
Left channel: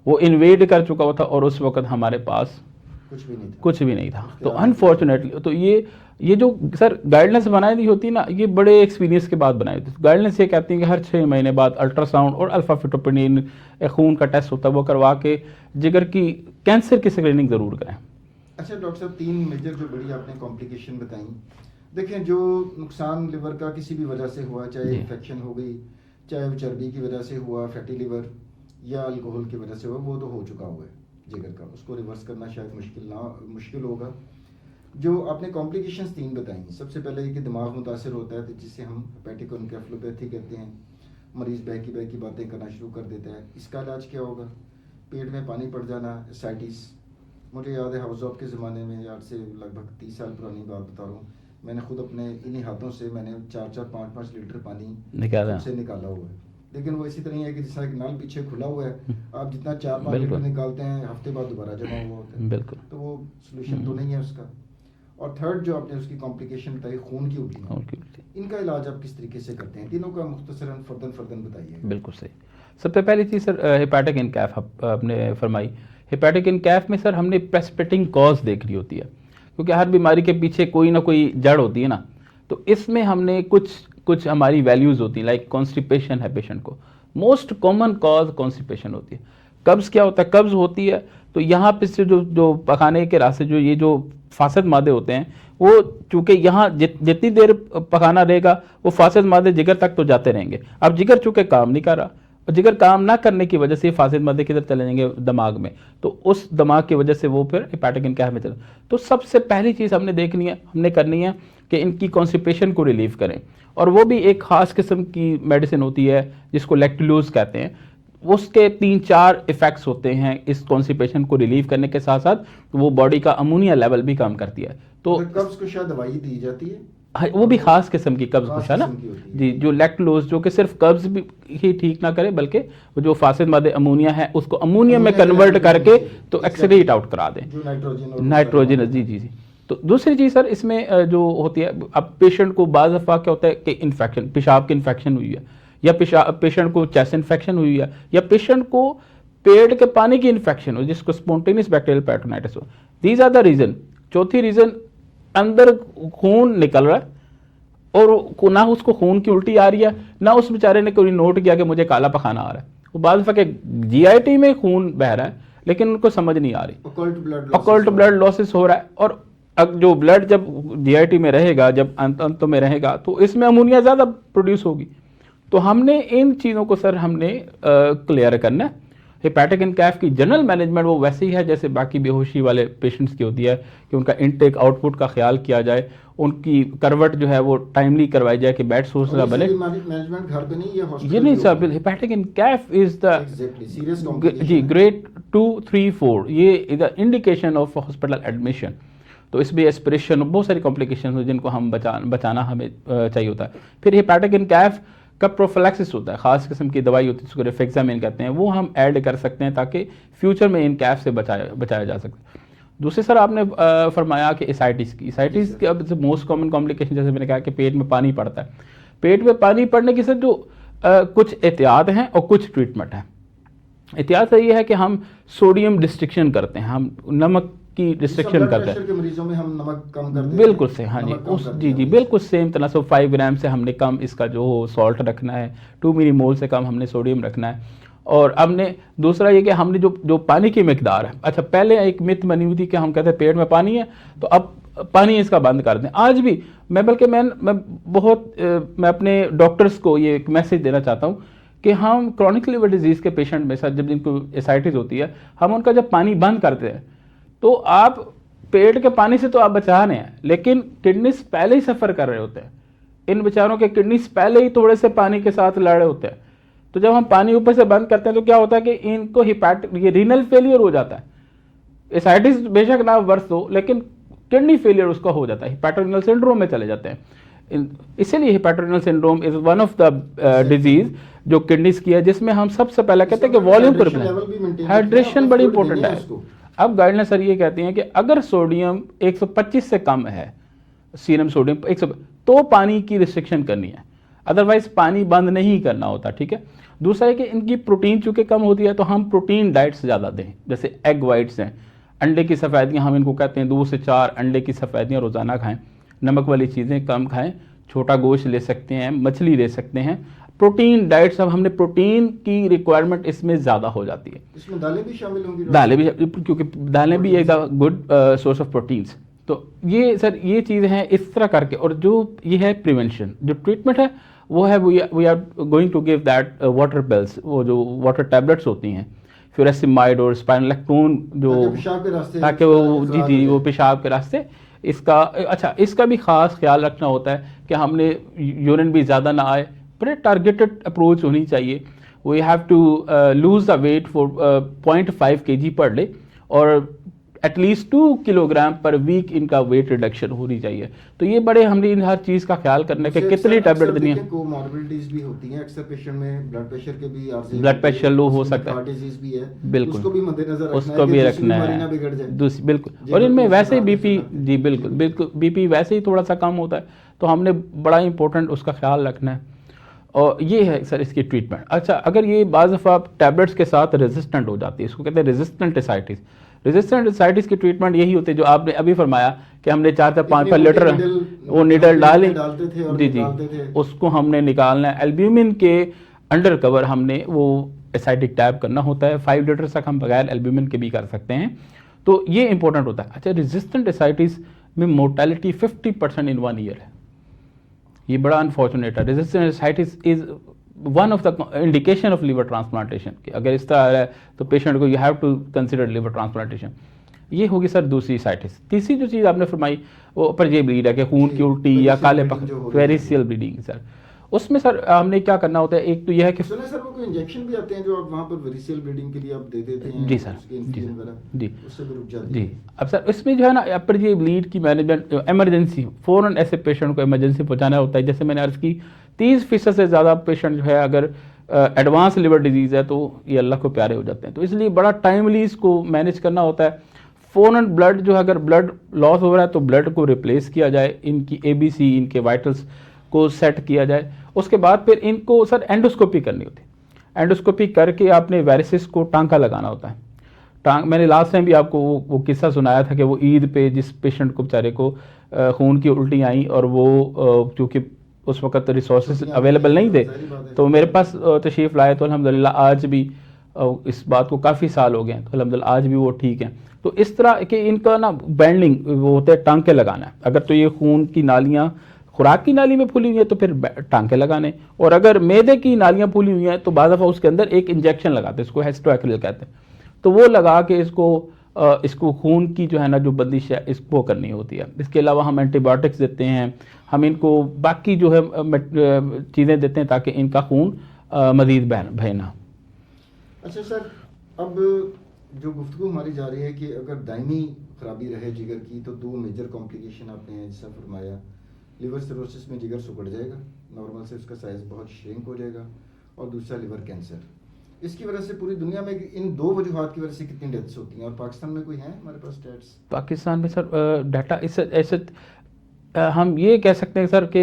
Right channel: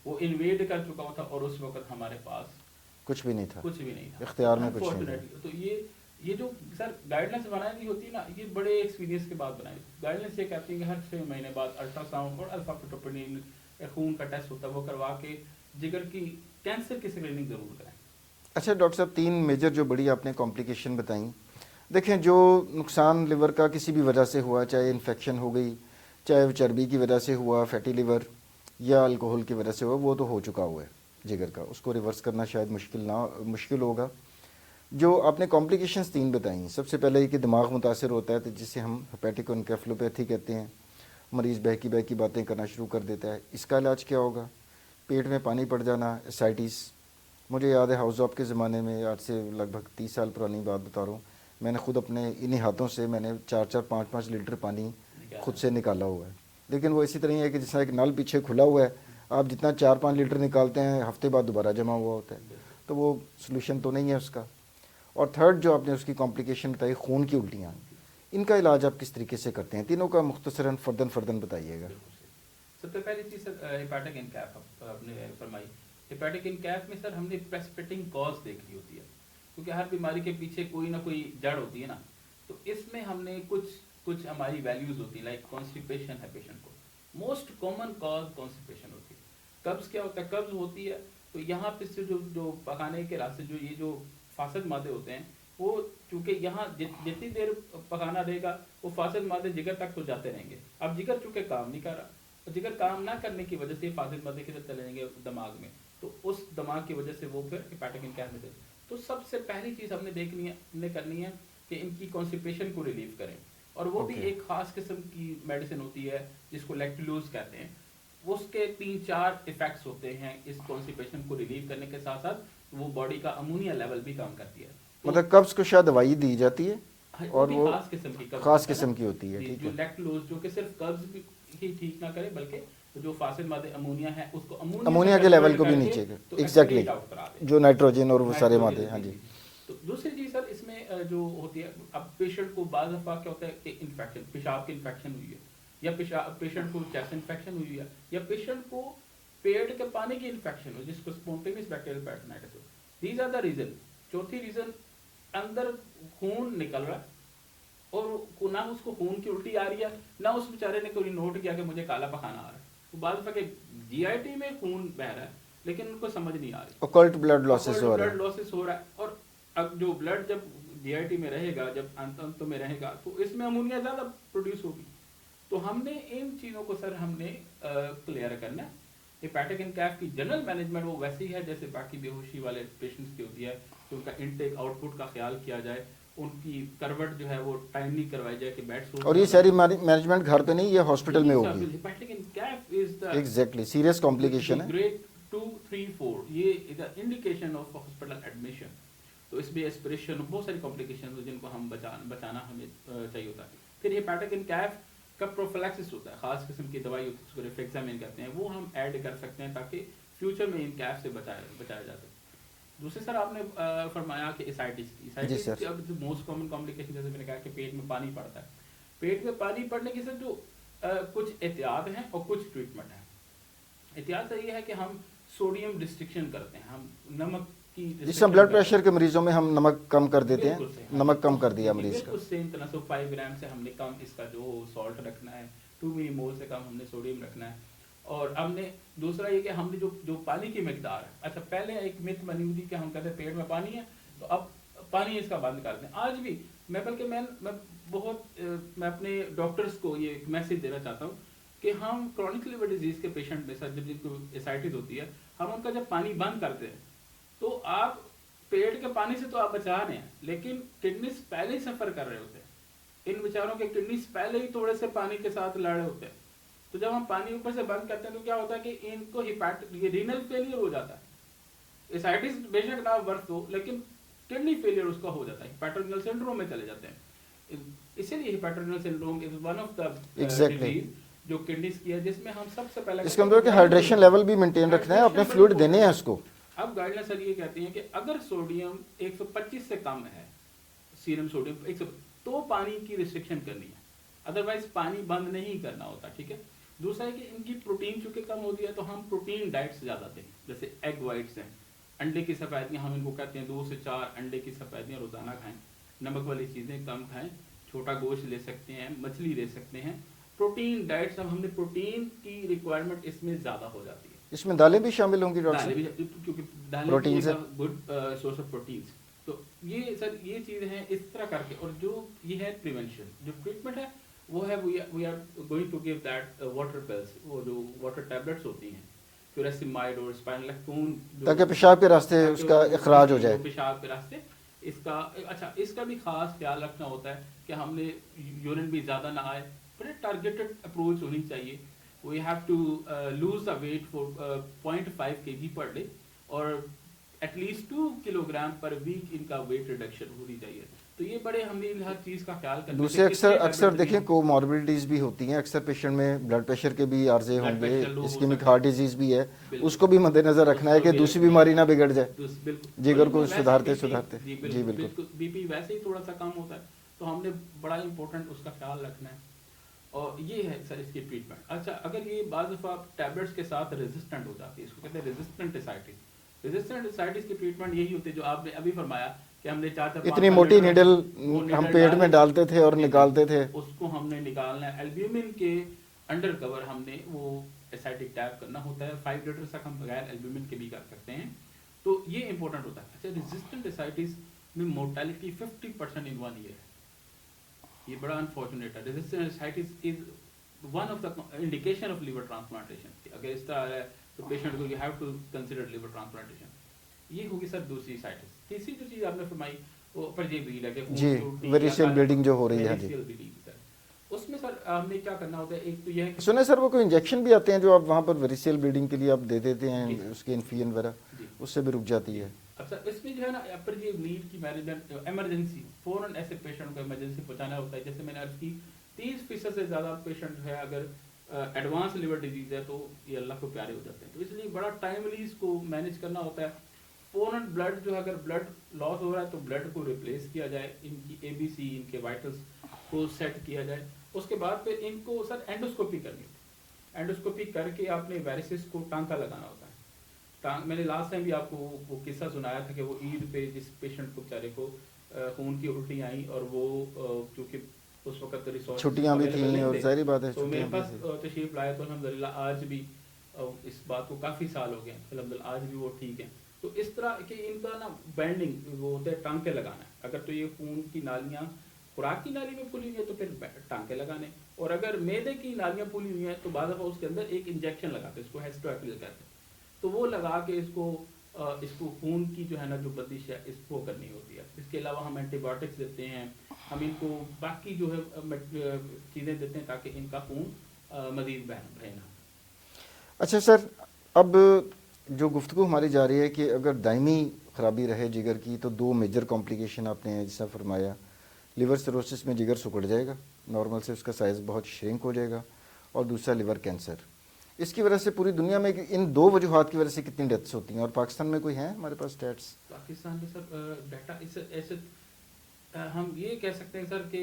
वो इन्वेड कर चुका हुआ था और उस वक्त हमारे पास कुछ भी नहीं था, कुछ भी नहीं था। तो अनफॉर्चुनेटली तो ये जो सर गाइडलाइंस बनाई दी होती ना, ये बड़े एक्सपीरियंस के बाद बनाई थी। गाइडलाइंस ये कहती है कि हर 6 महीने बाद अल्ट्रासाउंड और अल्फा फिटोपेनिन खून का टेस्ट होता है, वो करवा के जिगर की कैंसर की स्क्रीनिंग जरूर करें। अच्छा डॉक्टर साहब, 3 मेजर जो बड़ी आपने कॉम्प्लिकेशन बताई, देखें जो नुकसान लिवर का किसी भी वजह से हुआ, चाहे इन्फेक्शन हो गई, चाहे वो चर्बी की वजह से हुआ, फैटी लिवर, या अल्कोहल की वजह से हुआ, वो तो हो चुका हुआ है जिगर का, उसको रिवर्स करना शायद मुश्किल होगा। जो आपने कॉम्प्लिकेशंस 3 बताई, सबसे पहले ये कि दिमाग मुतासर होता है, तो जिसे हम हेपेटिक एनकेफेलोपैथी कहते हैं, मरीज़ बहकी बातें करना शुरू कर देता है। इसका इलाज क्या होगा? पेट में पानी पड़ जाना, एसाइटिस। मुझे याद है हाउस ऑफ के ज़माने में, आज से लगभग 30 साल पुरानी बात बता रहा हूँ, मैंने खुद अपने इन्हीं हाथों से मैंने 4-4, 5-5 लीटर पानी खुद से निकाला हुआ है। लेकिन वो इसी तरह है कि जैसा एक नल पीछे खुला हुआ है, आप जितना 4-5 लीटर निकालते हैं, हफ्ते बाद दोबारा जमा हुआ होता है। बिल्कुल, तो वो सोल्यूशन तो नहीं है उसका। और थर्ड जो आपने उसकी कॉम्प्लिकेशन बताई, खून की उल्टियाँ, इनका इलाज आप किस तरीके से करते हैं? तीनों का मुख्तसरन फर्दन बताइएगा। बिल्कुल सही। सबसे पहली चीज़ सर हेपेटिक इनकैफ आपने फरमाई। हेपेटिक इनकैफ में सर हमने प्रेसिपिटेटिंग कॉज देख रही होती है, क्योंकि हर बीमारी के पीछे कोई ना कोई जड़ होती है ना। तो इसमें हमने कुछ हमारी वैल्यूज़ होती हैं, लाइक कॉन्स्टिपेशन है पेशेंट को, मोस्ट कॉमन कॉज कॉन्स्टिपेशन होती है। कब्ज़ क्या होता है? कब्ज़ होती है तो यहाँ पे से जो पकाने के रास्ते जो ये जो फासद मादे होते हैं, वो चूंकि यहाँ जितनी देर पकाना रहेगा वो फासद मादे जिगर तक तो जाते रहेंगे। अब जिगर चूंकि काम नहीं कर रहा, और जिगर काम ना करने की वजह से फासद मादे किधर चले जाएंगे? दिमाग में। तो उस दिमाग की वजह से वो फिर हेपेटिक इनकैफ में चले। तो सबसे पहली चीज़ हमने करनी है कि इनकी कॉन्स्टिपेशन को रिलीव करें, और वो भी एक खास किस्म की मेडिसिन होती है जिसको लैक्टुलोज कहते हैं। उसके 3-4 इफेक्ट्स होते हैं इस कॉन्स्टिपेशन को रिलीव करने के साथ साथ, वो बॉडी का अमोनिया लेवल भी कम करती है। तो कब्ज को शायद दवाई दी जाती है, वो भी खास किस्म की कब्ज है ना जी, जो लैक्टुलोज, जो कि सिर्फ कब्ज भी ही ठीक ना करे, बल्कि जो फासिद मादे अमोनिया है उसको अमोनिया में कन्वर्ट करके तो एक्सक्रीट आउट करा दें, जो नाइट्रोजन। जी। तो दूसरी चीज़ सर इसमें जो होती है, अब पेशेंट को बाज़ दफ़ा क्या होता है कि इन्फेक्शन, पेशाब की इन्फेक्शन हुई है, या पेशेंट को चेस्ट इन्फेक्शन हुई है, या पेशेंट को पेट के पानी की इन्फेक्शन हो जिसको स्पॉन्टेनियस बैक्टीरियल पेरिटोनाइटिस हो। These are the reason. चौथी रीजन, अंदर खून निकल रहा है और ना उसको खून की उल्टी आ रही है, ना उस बेचारे ने कोई नोट किया कि मुझे काला पखाना आ रहा है। वो बात दफा जीआईटी में खून बह रहा है लेकिन उनको समझ नहीं आ रही, ऑकल्ट ब्लड लॉसेस हो रहा है। और अब जो ब्लड जब जीआईटी में रहेगा, जब अंत में रहेगा, तो इसमें अमोनिया ज्यादा प्रोड्यूस होगी। तो हमने इन चीजों को सर हमने क्लियर करना है। हेपेटिक इनकैफ की जनरल मैनेजमेंट वो वैसे ही है जैसे बाकी बेहोशी वाले पेशेंट्स की होती है, कि उनका इनटेक आउटपुट का ख्याल किया जाए, उनकी करवट जो है वो टाइमली करवाई जाए कि बेड सोर्स का बने। मैनेजमेंट घर पे नहीं, ये हॉस्पिटल में नहीं sir, hepatic enceph is the exactly serious complication जी, ग्रेड 2, 3, 4, ये is the indication of hospital admission. तो इसमें एस्पिरेशन, बहुत सारी कॉम्प्लिकेशन हो जिनको हम बचाना हमें चाहिए होता है। फिर हेपेटिक इनकैफ का प्रोफिलैक्सिस होता है, खास किस्म की दवाई होती है जिसको रिफ्लेक्सामिन कहते हैं, वो हम ऐड कर सकते हैं ताकि फ्यूचर में इनकैफ से बचाया जा सके। दूसरे सर आपने फरमाया कि एसाइटिस की अब मोस्ट कॉमन कॉम्प्लिकेशन, जैसे मैंने कहा कि पेट में पानी पड़ता है। पेट में पानी पड़ने की सर जो कुछ एहतियात हैं और कुछ ट्रीटमेंट है। एहतियात ये है कि हम सोडियम डिस्ट्रिक्शन करते हैं, हम नमक की डिस्ट्रिक्शन करते हैं। प्रेशर के मरीजों में हम नमक कम कर देते हैं। बिल्कुल से, हाँ जी, बिल्कुल सेम तनासब 5 ग्राम से हमने कम इसका जो सॉल्ट रखना है, 2 मिलीमोल से कम हमने सोडियम रखना है। और हमने दूसरा ये कि हमने जो पानी की मिकदार है, अच्छा पहले एक मिथ बनी हुई थी कि हम कहते हैं पेट में पानी है तो अब पानी इसका बंद कर दें। आज भी मैं अपने डॉक्टर्स को ये एक मैसेज देना चाहता हूँ कि हम क्रॉनिक लिवर डिजीज के पेशेंट में सर, जब जिनको एसाइटिस होती है, हम उनका जब पानी बंद करते हैं तो आप पेट के पानी से तो आप बचा रहे हैं, लेकिन किडनीज पहले ही सफर कर रहे होते हैं। इन बेचारों के किडनीज पहले ही थोड़े से पानी के साथ लड़ रहे होते हैं। तो जब हम पानी ऊपर से बंद करते हैं तो क्या होता है कि इनको ये रीनल फेलियर हो जाता है। एसाइटिस बेशक ना वर्स हो, लेकिन किडनी फेलियर उसका हो जाता है, हिपैटोरेनल सिंड्रोम में चले जाते हैं। इसीलिए hepatorenal syndrome is one of the disease जो किडनीज की है, जिसमें हम सबसे पहले कहते हैं कि वॉल्यूम हाइड्रेशन बड़ी इंपॉर्टेंट है। अब गाइडलाइन सर ये कहती हैं कि अगर सोडियम 125 से कम है, सीरम सोडियम 100, तो पानी की रिस्ट्रिक्शन करनी है, अदरवाइज पानी बंद नहीं करना होता। ठीक है। दूसरा है कि इनकी प्रोटीन चूंकि कम होती है तो हम प्रोटीन डाइट्स ज्यादा दें, जैसे एग वाइट्स हैं, अंडे की सफेदियां, हम इनको कहते हैं 2 से 4 अंडे की सफेदियां रोजाना खाएं, नमक वाली चीजें कम खाएं, छोटा गोश्त ले सकते हैं, मछली ले सकते हैं, प्रोटीन डाइट्स। अब हमने प्रोटीन की रिक्वायरमेंट इसमें ज्यादा हो जाती है। इसमें दालें भी शामिल होंगी? दालें भी, क्योंकि दालें भी एक गुड सोर्स ऑफ प्रोटीन्स। तो ये सर ये चीजें हैं इस तरह करके। और जो ये है प्रिवेंशन, जो ट्रीटमेंट है वो है we are going to give that water pills, वो जो वाटर टैबलेट्स होती हैं, फ्यूरासिमाइड और स्पाइनोलैक्टोन, जो पेशाब के रास्ते, ताकि वो पेशाब के रास्ते इसका। अच्छा, इसका भी खास ख्याल रखना होता है कि हमने यूरिन भी ज्यादा ना आए, बड़े टारगेटेड अप्रोच होनी चाहिए। We have to lose the weight for 0.5 kg per day, और एटलीस्ट 2 किलोग्राम पर वीक इनका वेट रिडक्शन होनी चाहिए। तो ये बड़े हमने इन हर चीज का ख्याल करने के कितनी टैबलेट देनी है। कोमॉर्बिडिटीज भी होती हैं अक्सर पेशेंट में, ब्लड प्रेशर के भी आर्जे, ब्लड प्रेशर लो हो सकता है, हार्ट डिजीज भी है, बिल्कुल उसको भी मद्देनजर रखना है कि दूसरी बीमारी ना बिगड़ जाए। बिल्कुल। और इनमें वैसे ही बीपी, जी बिल्कुल बिल्कुल, बीपी वैसे ही थोड़ा सा कम होता है, तो हमने बड़ा इंपॉर्टेंट उसका ख्याल रखना है। और ये है सर इसकी ट्रीटमेंट। अच्छा, अगर ये बाज़ दफ़ा टैबलेट्स के साथ रेजिस्टेंट हो जाती है, इसको कहते हैं रेजिस्टेंट एसाइटिस। रेजिस्टेंट एसाइटिस की ट्रीटमेंट यही होती है जो आपने अभी फरमाया कि हमने 4 से 5 लीटर वो नीडल डालते थे और निकालते थे, उसको हमने निकालना है। एल्ब्यूमिन के अंडर कवर हमने वो एसाइटिक टैब करना होता है। 5 लीटर तक हम बगैर एल्ब्यूमिन के भी कर सकते हैं। तो ये इंपॉर्टेंट होता है। अच्छा, रेजिस्टेंट एसाइटिस में मोर्टेलिटी 50% इन 1 ईयर है, ये बड़ा अनफॉर्चुनेट है। Resistant ascites is one of the indication of liver transplantation. अगर इस तरह है तो पेशेंट को you have to consider liver transplantation. ये होगी सर दूसरी एसाइटिस। तीसरी जो चीज आपने फरमाई वो अपर ब्लीड है कि खून की उल्टी या काले वेरिसियल ब्लीडिंग सर, उसमें सर हमने क्या करना होता है। एक तो यह है कि सुने सर वो कोई इंजेक्शन भी आते हैं जो आप वहां पर वेरिसियल ब्लीडिंग के लिए आप दे देते हैं? जी सर, उसके इन्फ्लुएंस वगैरह, जी उससे भी रुक जाती है। जी। अब सर इसमें जो है ना अपर ब्लीड की मैनेजमेंट, इमरजेंसी फौरन ऐसे पेशेंट को इमरजेंसी पहुंचाना होता है। जैसे मैंने अर्ज की 30% से ज्यादा पेशेंट जो है अगर एडवांस लिवर डिजीज है तो ये अल्लाह को प्यारे हो जाते हैं। तो इसलिए बड़ा टाइमली इसको मैनेज करना होता है। फौरन ब्लड जो है, अगर ब्लड लॉस हो रहा है तो ब्लड को रिप्लेस किया जाए, इनकी ABC, इनके वाइटल्स को सेट किया जाए। उसके बाद फिर इनको सर एंडोस्कोपी करनी होती है। एंडोस्कोपी करके आपने वेरिसिस को टांका लगाना होता है। मैंने लास्ट टाइम भी आपको वो किस्सा सुनाया था कि वो ईद पे जिस पेशेंट को बेचारे को खून की उल्टी आई और वो चूंकि उस वक्त रिसोर्सेज अवेलेबल नहीं थे तो मेरे पास तशरीफ लाए, तो अल्हम्दुलिल्लाह आज भी इस बात को काफ़ी साल हो गए हैं, तो अल्हम्दुलिल्लाह आज भी वो ठीक हैं। तो इस तरह के इनका ना बैंडिंग वो होता है, टांके लगाना है। अगर तो ये खून की नालियाँ खुराक की नाली में फूली हुई है तो फिर टांके लगाने, और अगर मैदे की नालियाँ फूली हुई हैं तो बाद दफ़ा उसके अंदर एक इंजेक्शन लगाते हैं, इसको हेस्टोएक्रिल कहते हैं। तो वो लगा के इसको खून की जो है ना जो बंदिश है इसको करनी होती है। इसके अलावा हम एंटीबायोटिक्स देते हैं, हम इनको बाकी जो है चीज़ें देते हैं ताकि इनका खून मजीद बहे ना। अच्छा सर, अब जो गुफ्तगू हमारी जा रही है कि अगर दायमी खराबी रहे जिगर की तो 2 मेजर कॉम्प्लिकेशन आपने जैसा फरमाया, लिवर सिरोसिस में जिगर सुकड़ जाएगा, नॉर्मल से उसका साइज़ बहुत श्रिंक हो जाएगा, और दूसरा लिवर कैंसर। इसकी वजह से पूरी दुनिया में इन 2 वजूहात की वजह से कितनी डेथ्स होती हैं, और पाकिस्तान में कोई है हमारे पास स्टैट्स? पाकिस्तान में सर डाटा ऐसे हम ये कह सकते हैं सर कि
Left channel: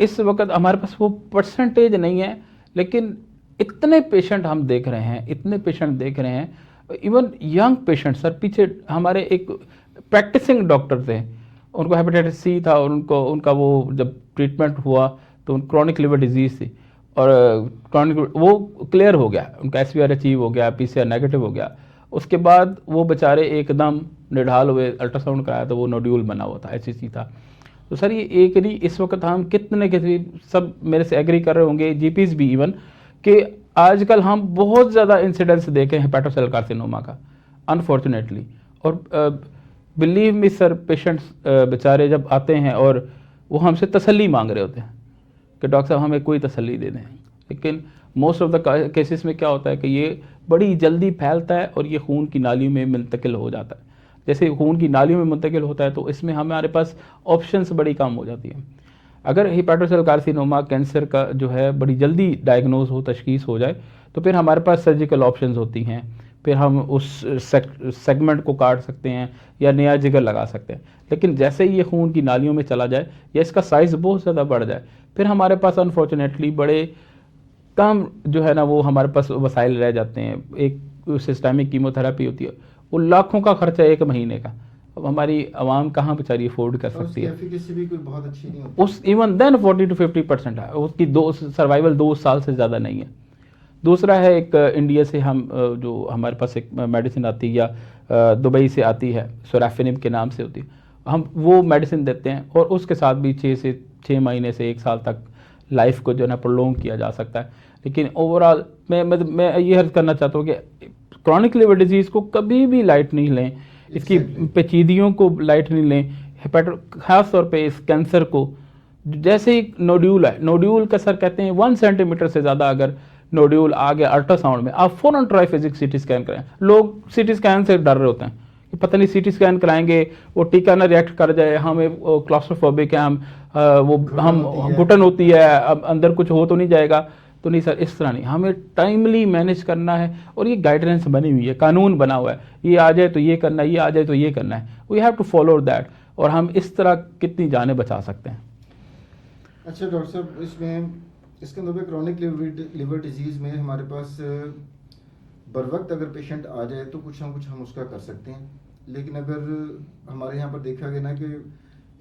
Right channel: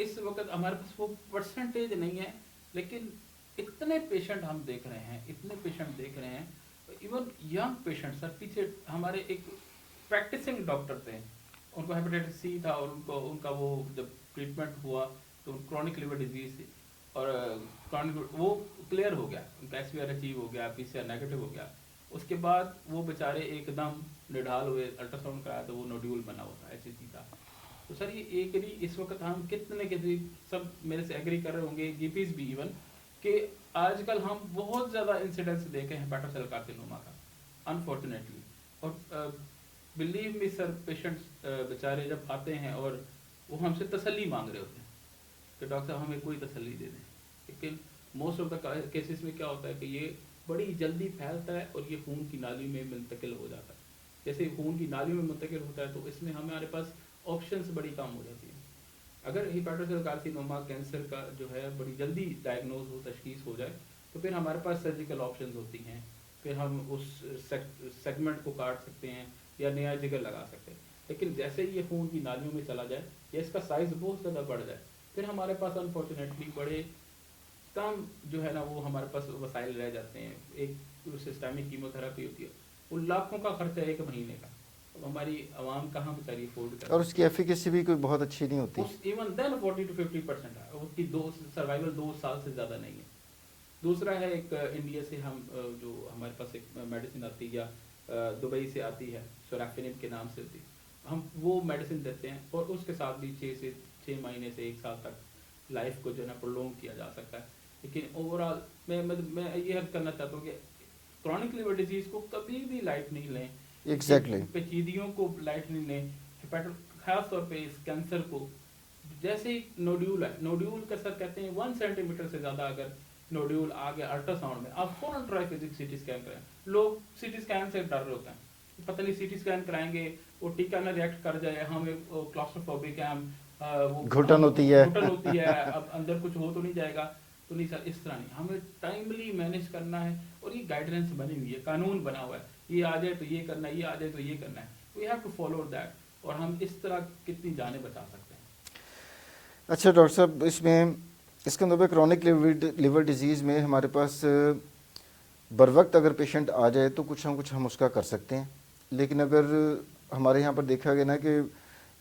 इस वक्त हमारे पास वो परसेंटेज नहीं है, लेकिन इतने पेशेंट हम देख रहे हैं, इतने पेशेंट देख रहे हैं, इवन यंग पेशेंट सर। पीछे हमारे एक प्रैक्टिसिंग डॉक्टर थे, उनको हेपेटाइटिस C था, और उनका वो जब ट्रीटमेंट हुआ तो क्रॉनिक लिवर डिजीज थी, और क्रॉनिक वो क्लियर हो गया, उनका SVR अचीव हो गया, PCR नेगेटिव हो गया। उसके बाद वो बेचारे एकदम निढाल हुए, अल्ट्रासाउंड कराया तो वो नोड्यूल बना हुआ था, HCC था। तो सर ये एक नहीं, इस वक्त हम कितने सब मेरे से एग्री कर रहे होंगे, जीपीज भी इवन, कि आजकल हम बहुत ज़्यादा इंसिडेंट्स देखे हैं हेपेटोसेल कार्सिनोमा का, अनफॉर्चुनेटली। और बिलीव मी सर, पेशेंट्स बेचारे जब आते हैं और वो हमसे तसल्ली मांग रहे होते हैं कि डॉक्टर साहब हमें कोई तसल्ली दे दें, लेकिन मोस्ट ऑफ द केसेस में क्या होता है कि ये बड़ी जल्दी फैलता है और ये खून की नालियों में मुंतकिल हो जाता है। जैसे खून की नालियों में मुंतकिल होता है तो इसमें हमारे पास ऑप्शंस बड़ी कम हो जाती है। अगर हेपेटोसेल कार्सिनोमा कैंसर का जो है बड़ी जल्दी डायग्नोज हो, तशखीस हो जाए, तो फिर हमारे पास सर्जिकल ऑप्शंस होती हैं, फिर हम उस सेगमेंट को काट सकते हैं या नया जिगर लगा सकते हैं। लेकिन जैसे ही ये खून की नालियों में चला जाए या इसका साइज़ बहुत ज़्यादा बढ़ जाए, फिर हमारे पास अनफॉर्चुनेटली बड़े कम जो है ना वो हमारे पास वसाइल रह जाते हैं। एक सिस्टमिक कीमोथेरेपी होती है, वो लाखों का खर्चा 1 महीने का। अब हमारी आवाम कहाँ बेचारी अफोर्ड कर और सकती उसकी है। एफिकेसी भी कोई बहुत अच्छी नहीं होती। उस इवन देन 40 to 50% है उसकी, सर्वाइवल 2 साल से ज़्यादा नहीं है। दूसरा है एक इंडिया से हम जो हमारे पास एक मेडिसिन आती है या दुबई से आती है, सोराफिनिब के नाम से होती है, हम वो मेडिसिन देते हैं और उसके साथ भी 6 महीने से 1 साल तक लाइफ को जो है ना प्रोलॉन्ग किया जा सकता है। लेकिन ओवरऑल मैं ये अर्ज करना चाहता हूँ कि क्रॉनिक लिवर डिजीज़ को कभी भी लाइट नहीं लें, इसकी पेचीदियों को लाइट नहीं लें। खास तौर पे इस कैंसर को, जैसे ही नोड्यूल है, नोड्यूल का सर कहते हैं 1 सेंटीमीटर से ज़्यादा अगर नोड्यूल आ गया अल्ट्रासाउंड में, आप फौरन ट्राइफेजिक सीटी स्कैन करें। लोग सीटी स्कैन से डर रहे होते हैं कि पता नहीं सीटी स्कैन कराएंगे वो टीका ना रिएक्ट कर जाए, हमें क्लॉस्ट्रोफोबिक है, हम घुटन होती है, अब अंदर कुछ हो तो नहीं जाएगा। तो नहीं सर, इस तरह नहीं, हमें टाइमली मैनेज करना है और ये गाइडेंस बनी हुई है, कानून बना हुआ है, ये आ जाए तो ये करना है, ये आ जाए तो ये करना है, we have to follow that. और हम इस तरह कितनी जानें बचा सकते हैं। अच्छा डॉक्टर साहब, इसमें इसके अंदर क्रॉनिक लिवर डिजीज़ में हमारे पास बर वक्त अगर पेशेंट आ जाए तो कुछ ना कुछ हम उसका कर सकते हैं, लेकिन अगर हमारे यहाँ पर देखा गया ना कि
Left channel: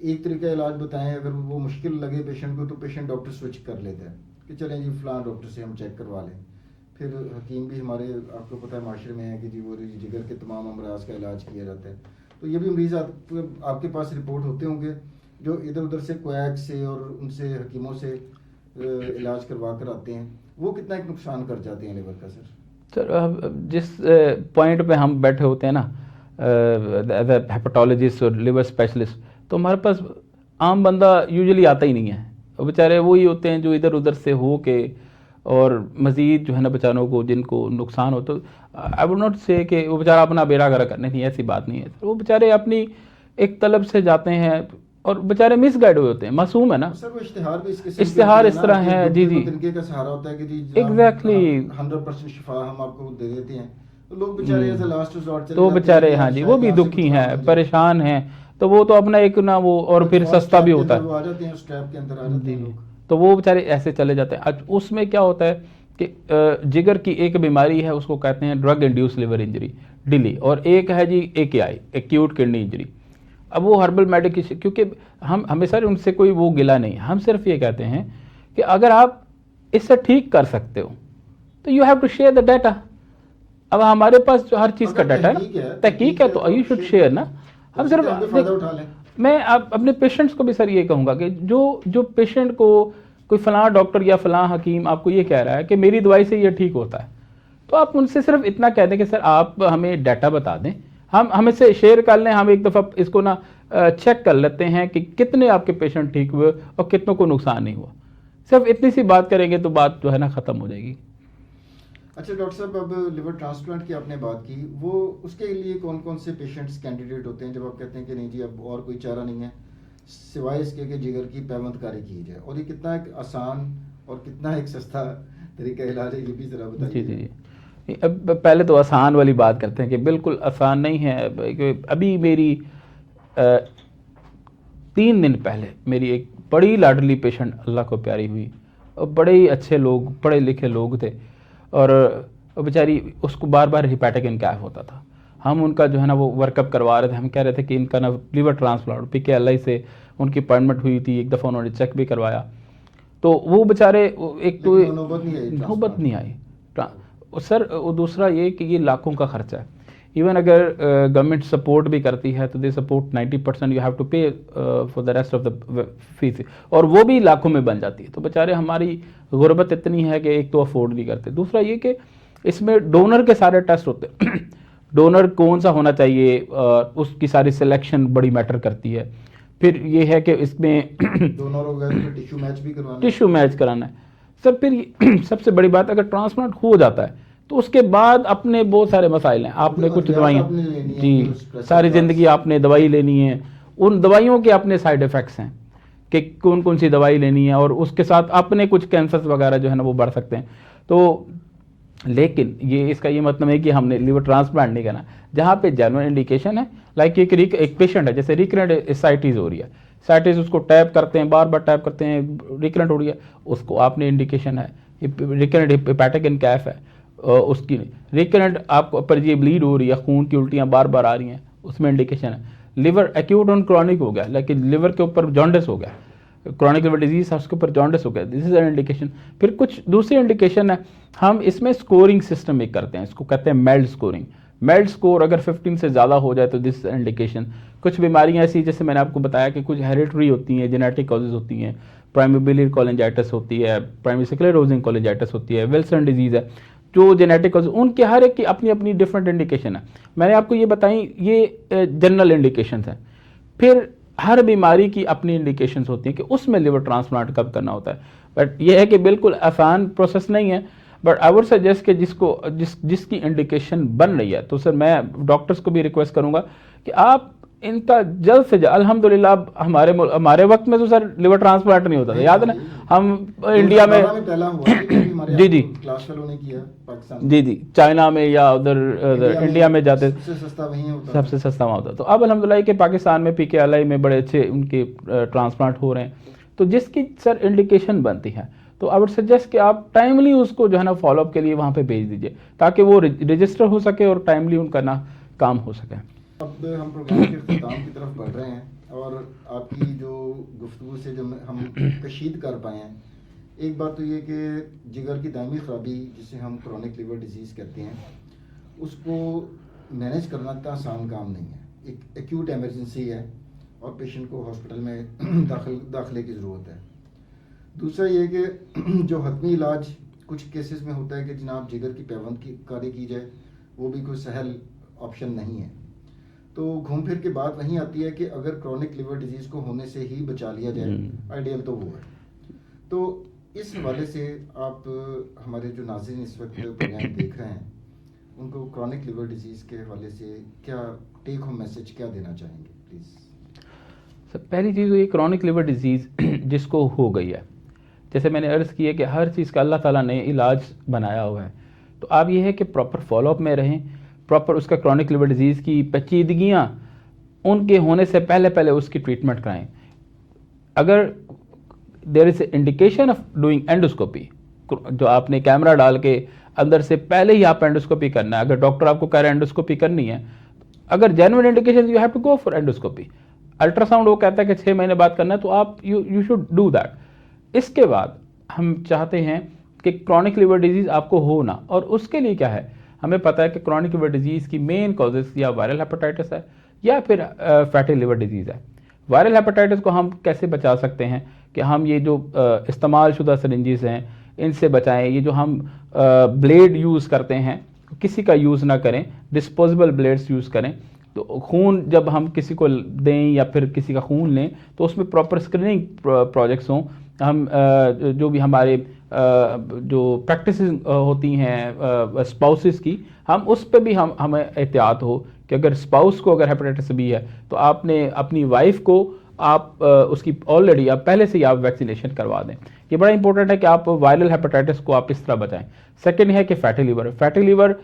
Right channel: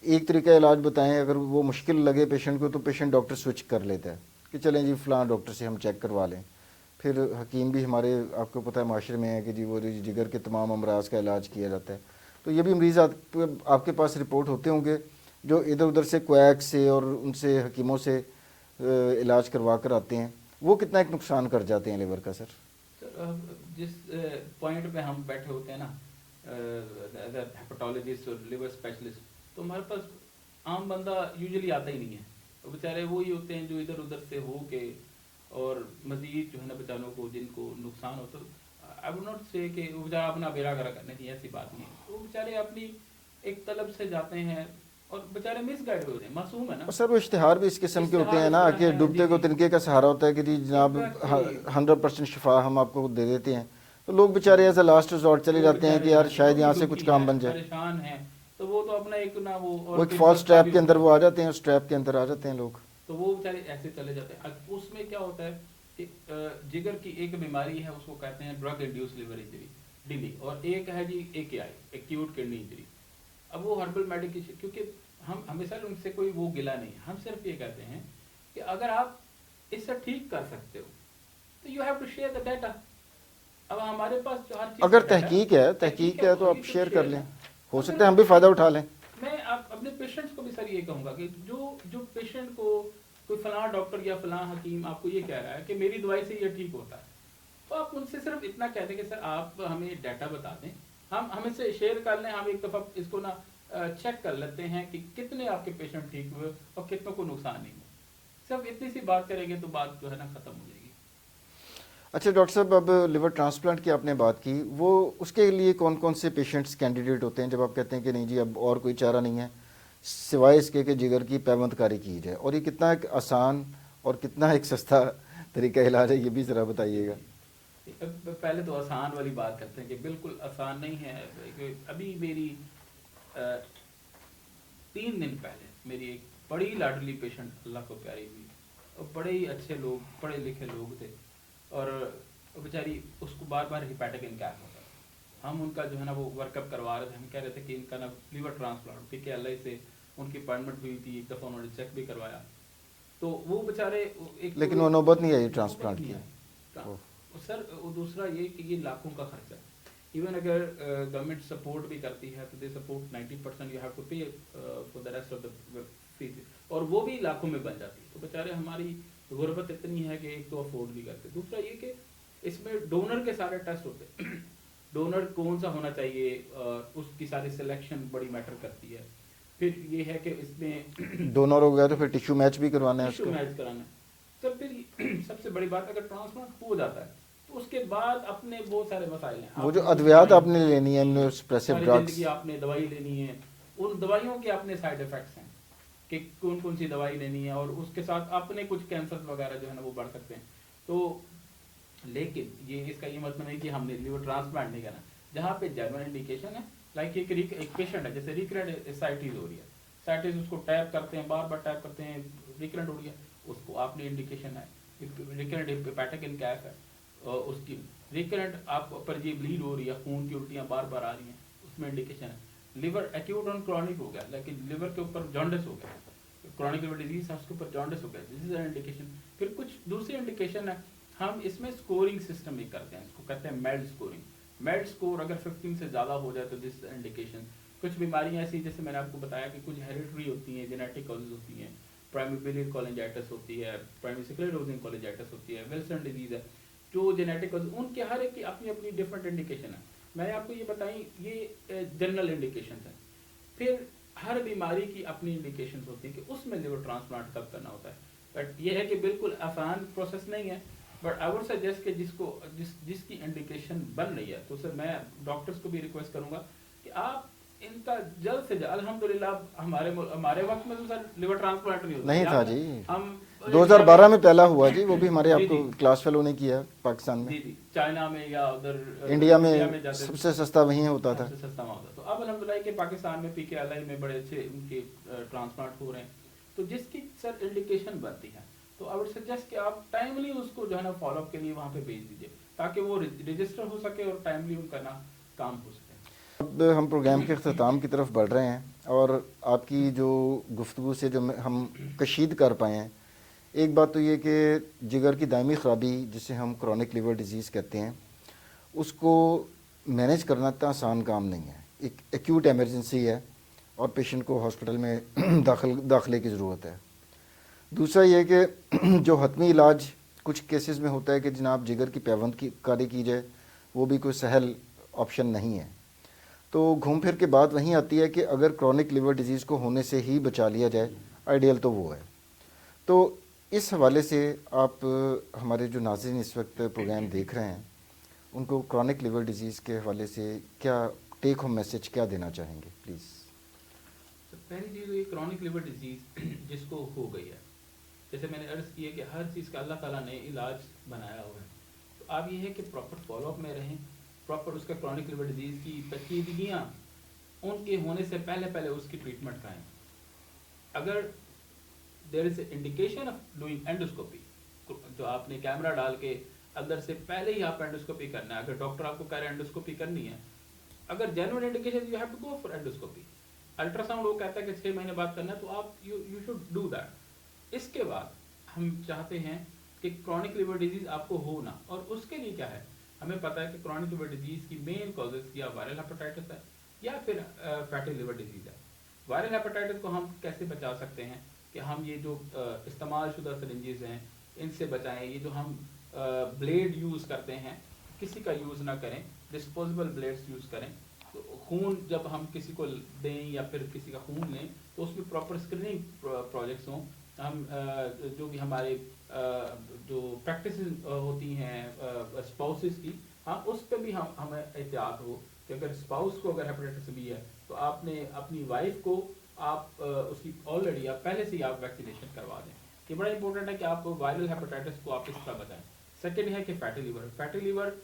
एक तरीका इलाज बताएं, अगर वो मुश्किल लगे पेशेंट को तो पेशेंट डॉक्टर स्विच कर लेता है कि चलें जी फलां डॉक्टर से हम चेक करवा लें। फिर हकीम भी हमारे, आपको पता है माशरे में है कि जी वो जिगर के तमाम अमराज का इलाज किया जाता है। तो ये भी मरीज़ आपके पास रिपोर्ट होते होंगे जो इधर उधर से क्वैक से और उनसे हकीमों से इलाज करवा कर आते हैं, वो कितना एक नुकसान कर जाते हैं लिवर का सर? सर जिस पॉइंट पे हम बैठे होते हैं ना एज ए हेपेटोलॉजिस्ट और लिवर स्पेशलिस्ट, तो हमारे पास आम बंदा यूजुअली आता ही नहीं है। और बेचारे वही होते हैं जो इधर उधर से हो के और मज़ीद जो है ना बेचारों को जिनको नुकसान हो, तो आई वुड नॉट से कि वो बेचारा अपना बेड़ा गर्क करने की, ऐसी बात नहीं है। वो बेचारे अपनी एक तलब से जाते हैं और बेचारे मिसगाइड हुए होते हैं, मासूम है ना सर। वो इश्तिहार भी इस किस्म इश्तिहार इस तरह है जी जी, तिनके का सहारा होता है कि जी एग्जैक्टली 100% शिफा हम आपको दे देते हैं, तो लोग बेचारे ऐसा लास्ट रिजॉर्ट चले तो जाते हैं। बेचारे हाँ जी, वो भी दुखी हैं, परेशान हैं, तो वो तो अपना एक ना वो, और फिर सस्ता भी होता है, वो आ जाते हैं, स्ट्रैप के अंदर आ जाते हैं लोग, तो वो बेचारे ऐसे चले जाते हैं। आज उसमें क्या होता है कि जिगर की एक बीमारी है, उसको कहते हैं ड्रग इंड्यूस लिवर इंजरी, डिली, और एक है जी AKI, एक्यूट किडनी इंजरी। अब वो हर्बल मेडिकेशन, क्योंकि हम हमेशा उनसे कोई वो गिला नहीं, हम सिर्फ ये कहते हैं कि अगर आप इससे ठीक कर सकते हो तो you have to share the data. अब हमारे पास जो हर चीज़ का डाटा तहकीक है तो यू शुड शेयर ना, हम भी फायदा उठा लें। मैं अपने पेशेंट्स को भी सर ये कहूँगा कि जो पेशेंट को कोई फलां डॉक्टर या फलां हकीम आपको ये कह रहा है कि मेरी दवाई से ये ठीक होता है, तो आप उनसे सिर्फ इतना कह दें कि सर आप हमें डाटा बता दें, हम हमें से शेयर कर लें, हम एक दफ़ा इसको ना चेक कर लेते हैं कि कितने आपके पेशेंट ठीक हुए और कितनों को नुकसान नहीं हुआ। सिर्फ इतनी सी बात करेंगे तो बात जो है ना ख़त्म हो जाएगी। अच्छा डॉक्टर साहब, अब लिवर ट्रांसप्लांट की आपने बात की, वो उसके लिए कौन कौन से पेशेंट्स कैंडिडेट होते हैं जब आप कहते हैं कि नहीं जी अब और कोई चारा नहीं है सिवाय इसके कि जिगर की पैबंदकारी की जाए, और ये कितना एक आसान और कितना एक सस्ता तरीका इलाज है, ये भी ज़रा बताइए। अब पहले तो आसान वाली बात करते हैं कि बिल्कुल आसान नहीं है। अभी मेरी 3 दिन पहले मेरी एक बड़ी लाडली पेशेंट अल्लाह को प्यारी हुई, और बड़े ही अच्छे लोग, पढ़े लिखे लोग थे, और बेचारी उसको बार बार हिपैटिक इनकैफ होता था। हम उनका जो है ना वो वर्कअप करवा रहे थे, हम कह रहे थे कि इनका ना लिवर ट्रांसप्लांट, PKLI से उनकी अपॉइंटमेंट हुई थी, एक दफ़ा उन्होंने चेक भी करवाया, तो वो बेचारे एक तो नौबत नहीं आई सर। दूसरा ये कि ये लाखों का खर्चा है, इवन अगर गवर्नमेंट सपोर्ट भी करती है तो they support 90% you have to पे for the rest of the fees, और वो भी लाखों में बन जाती है। तो बेचारे हमारी गुर्बत इतनी है कि एक तो अफोर्ड नहीं करते, दूसरा ये कि इसमें डोनर के सारे टेस्ट होते हैं डोनर कौन सा होना चाहिए, उसकी सारी सिलेक्शन बड़ी मैटर करती है। फिर ये है कि इसमें डोनर हो गया तो फिर टिश्यू मैच भी करवाना है। टिश्यू मैच कराना है सर। फिर सबसे बड़ी बात, अगर ट्रांसप्लांट हो जाता है तो उसके बाद अपने बहुत सारे मसाइल हैं। आपने कुछ दवाई आपने लेनी है, जी, सारी जिंदगी आपने दवाई लेनी है, उन दवाइयों के अपने साइड इफेक्ट्स हैं कि कौन कौन सी दवाई लेनी है, और उसके साथ अपने कुछ कैंसर वगैरह जो है ना वो बढ़ सकते हैं। तो लेकिन ये इसका ये मतलब है कि हमने लिवर ट्रांसप्लांट नहीं करना। जहाँ पे जेन्युइन इंडिकेशन है, लाइक एक पेशेंट है जैसे रिकरेंट एसाइटिस हो रही है, एसाइटिस उसको टैप करते हैं, बार बार टैप करते हैं, रिकरेंट हो रही है, उसको आपने इंडिकेशन है रिकरेंट हेपेटिक इनकैफ है, उसकी रिकरेंट आपको पर ये ब्लीड हो रही है, खून की उल्टियाँ बार बार आ रही हैं, उसमें इंडिकेशन है। लिवर एक्यूट और क्रॉनिक हो गया, लेकिन लिवर के ऊपर जॉन्डिस हो गया, क्रॉनिक लिवर डिजीज है उसके ऊपर जॉन्डिस हो गया, दिस इज एन इंडिकेशन। फिर कुछ दूसरी इंडिकेशन है, हम इसमें स्कोरिंग सिस्टम एक करते हैं, इसको कहते हैं मेल्ड स्कोरिंग। मेल्ड स्कोर अगर 15 से ज़्यादा हो जाए तो दिस इंडिकेशन। कुछ बीमारियां ऐसी जैसे मैंने आपको बताया कि कुछ हेरिटरी होती हैं, जेनेटिक कॉजेज होती हैं, प्राइमरी बिलियरी कोलिंजाइटिस होती है, प्राइमरी स्क्लेरोसिस कोलिंजाइटिस होती है, विल्सन डिजीज है, जो जेनेटिक कॉजेज, उनके हर एक की अपनी अपनी डिफरेंट इंडिकेशन है। मैंने आपको ये बताई, ये जनरल इंडिकेशन है। फिर हर बीमारी की अपनी इंडिकेशन होती है कि उसमें लिवर ट्रांसप्लांट कब करना होता है। बट यह है कि बिल्कुल आसान प्रोसेस नहीं है, बट आई वुड सजेस्ट कि जिसकी इंडिकेशन बन रही है, तो सर मैं डॉक्टर्स को भी रिक्वेस्ट करूंगा कि आप इनका जल्द से जल्द, अल्हम्दुलिल्लाह हमारे वक्त में तो सर लिवर ट्रांसप्लांट नहीं होता था, याद है ना, हम इंडिया में पहला हुआ था, वो भी हमारे जी जी क्लास फेलो ने किया पाकिस्तान में, जी जी, चाइना में या उधर इंडिया में जाते, सबसे सस्ता वहीं होता, सबसे सस्ता वहाँ होता। तो अब अल्हम्दुलिल्लाह के पाकिस्तान में पीकेएलआई में बड़े अच्छे उनके ट्रांसप्लांट हो रहे हैं। तो जिसकी सर इंडिकेशन बनती है तो आई वुड सजेस्ट कि आप टाइमली उसको जो है ना फॉलोअप के लिए वहाँ पे भेज दीजिए, ताकि वो रजिस्टर हो सके और टाइमली उनका ना काम हो सके। अब हम प्रोग्राम के अख्ताम की तरफ बढ़ रहे हैं, और आपकी जो गुफ्तगू से जो हम कशीद कर पाए हैं, एक बात तो ये कि जिगर की दायमी ख़राबी जिसे हम क्रॉनिक लिवर डिजीज़ कहते हैं, उसको मैनेज करना इतना आसान काम नहीं है। एक एक्यूट एमरजेंसी है और पेशेंट को हॉस्पिटल में दाखिले की ज़रूरत है। दूसरा ये कि जो हतमी इलाज कुछ केसेस में होता है कि जनाब जिगर की पैबंद की कारी की जाए, वो भी कोई सहल ऑप्शन नहीं है। तो घूम फिर के बात वहीं आती है कि अगर क्रॉनिक लिवर डिजीज़ को होने से ही बचा लिया जाए, आइडियल तो वो है। तो इस हवाले से आप हमारे जो नाज़रीन इस वक्त प्रोग्राम देख रहे हैं, उनको क्रॉनिक लिवर डिजीज़ के हवाले से क्या टेक होम मैसेज क्या देना चाहेंगे प्लीज़? सर पहली चीज़ ये क्रॉनिक लिवर डिजीज़ जिसको हो गई है, जैसे मैंने अर्ज़ की है कि हर चीज़ का अल्लाह ताला ने इलाज बनाया हुआ है। तो आप ये है कि प्रॉपर फॉलोअप में रहें, प्रॉपर उसका क्रॉनिक लिवर डिजीज़ की पेचीदगियाँ उनके होने से पहले पहले उसकी ट्रीटमेंट कराएं। अगर there is indication of doing endoscopy, जो आपने कैमरा डाल के अंदर से पहले ही आप एंडोस्कोपी करना है, अगर डॉक्टर आपको कह रहे हैं एंडोस्कोपी करनी है, अगर genuine indication you have to go for endoscopy. Ultrasound वो कहता है कि 6 महीने बाद करना है, तो आप यू शुड डू दैट। इसके बाद हम चाहते हैं कि क्रॉनिक लिवर डिजीज़ आपको हो ना, और उसके लिए क्या है, हमें पता है कि क्रॉनिक लिवर डिजीज़ की मेन कॉजेज या वायरल हेपेटाइटिस है या फिर फैटी लिवर डिजीज़ है। वायरल हेपेटाइटिस को हम कैसे बचा सकते हैं कि हम ये जो इस्तेमाल शुदा सरिंजेस हैं इनसे बचाएं। ये जो हम ब्लेड यूज़ करते हैं किसी का यूज़ ना करें, डिस्पोजेबल ब्लेड्स यूज़ करें। तो खून जब हम किसी को दें या फिर किसी का खून लें तो उसमें प्रॉपर स्क्रीनिंग प्रोजेक्ट्स हों। हम जो भी हमारे जो प्रैक्टिस होती हैं स्पाउसेस की, हम उस पर भी हमें एहतियात हो कि अगर स्पाउस को अगर हेपेटाइटिस बी है तो आपने अपनी वाइफ को आप उसकी ऑलरेडी आप पहले से ही आप वैक्सीनेशन करवा दें। ये बड़ा इंपॉर्टेंट है कि आप वायरल हेपेटाइटिस को आप इस तरह बचाएं। सेकेंड है कि फैटी लिवर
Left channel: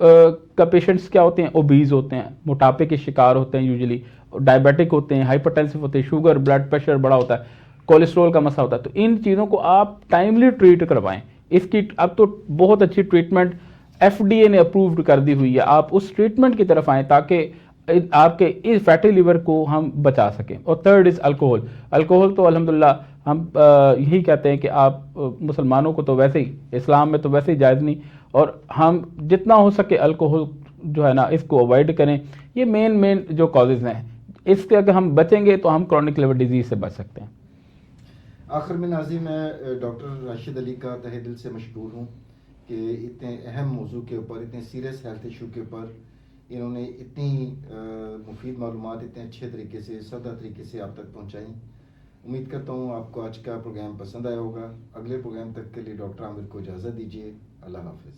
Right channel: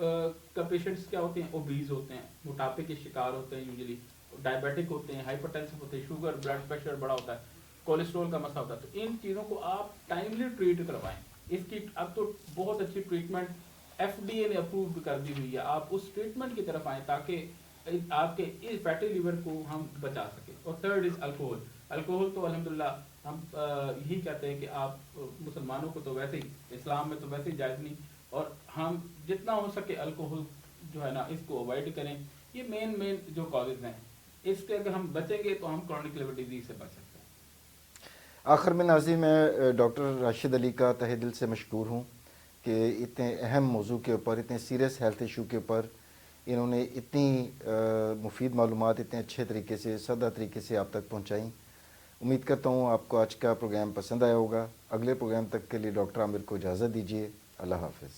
का पेशेंट्स क्या होते हैं, ओबीज होते हैं, मोटापे के शिकार होते हैं, यूजुअली डायबिटिक होते हैं, हाइपरटेंसिव होते हैं, शुगर ब्लड प्रेशर बड़ा होता है, कोलेस्ट्रॉल का मसला होता है। तो इन चीज़ों को आप टाइमली ट्रीट करवाएं। इसकी अब तो बहुत अच्छी ट्रीटमेंट FDA ने अप्रूव्ड कर दी हुई है, आप उस ट्रीटमेंट की तरफ आएँ ताकि आपके इस फैटी लिवर को हम बचा सकें। और थर्ड इज़ अल्कोहल तो अल्हम्दुलिल्लाह हम यही कहते हैं कि आप मुसलमानों को तो वैसे ही, इस्लाम में तो वैसे ही जायज़ नहीं, और हम जितना हो सके अल्कोहल जो है ना इसको अवॉइड करें। ये मेन जो कॉजेज़ हैं, इससे अगर हम बचेंगे तो हम क्रॉनिक लिवर डिजीज़ से बच सकते हैं। आखिर में नाज़रीन, मैं डॉक्टर राशिद अली का तहे दिल से मशकूर हूँ कि इतने अहम मौजू के ऊपर, इतने सीरियस हेल्थ इशू के ऊपर इन्होंने इतनी मुफीद मालूमात इतने अच्छे तरीके से, सादा तरीके से आप तक पहुँचाई। उम्मीद करता हूँ आपको आज का प्रोग्राम पसंद आया होगा। अगले प्रोग्राम तक के लिए डॉक्टर आमिर को इजाज़त दीजिए। अल्लाह हाफ़िज़।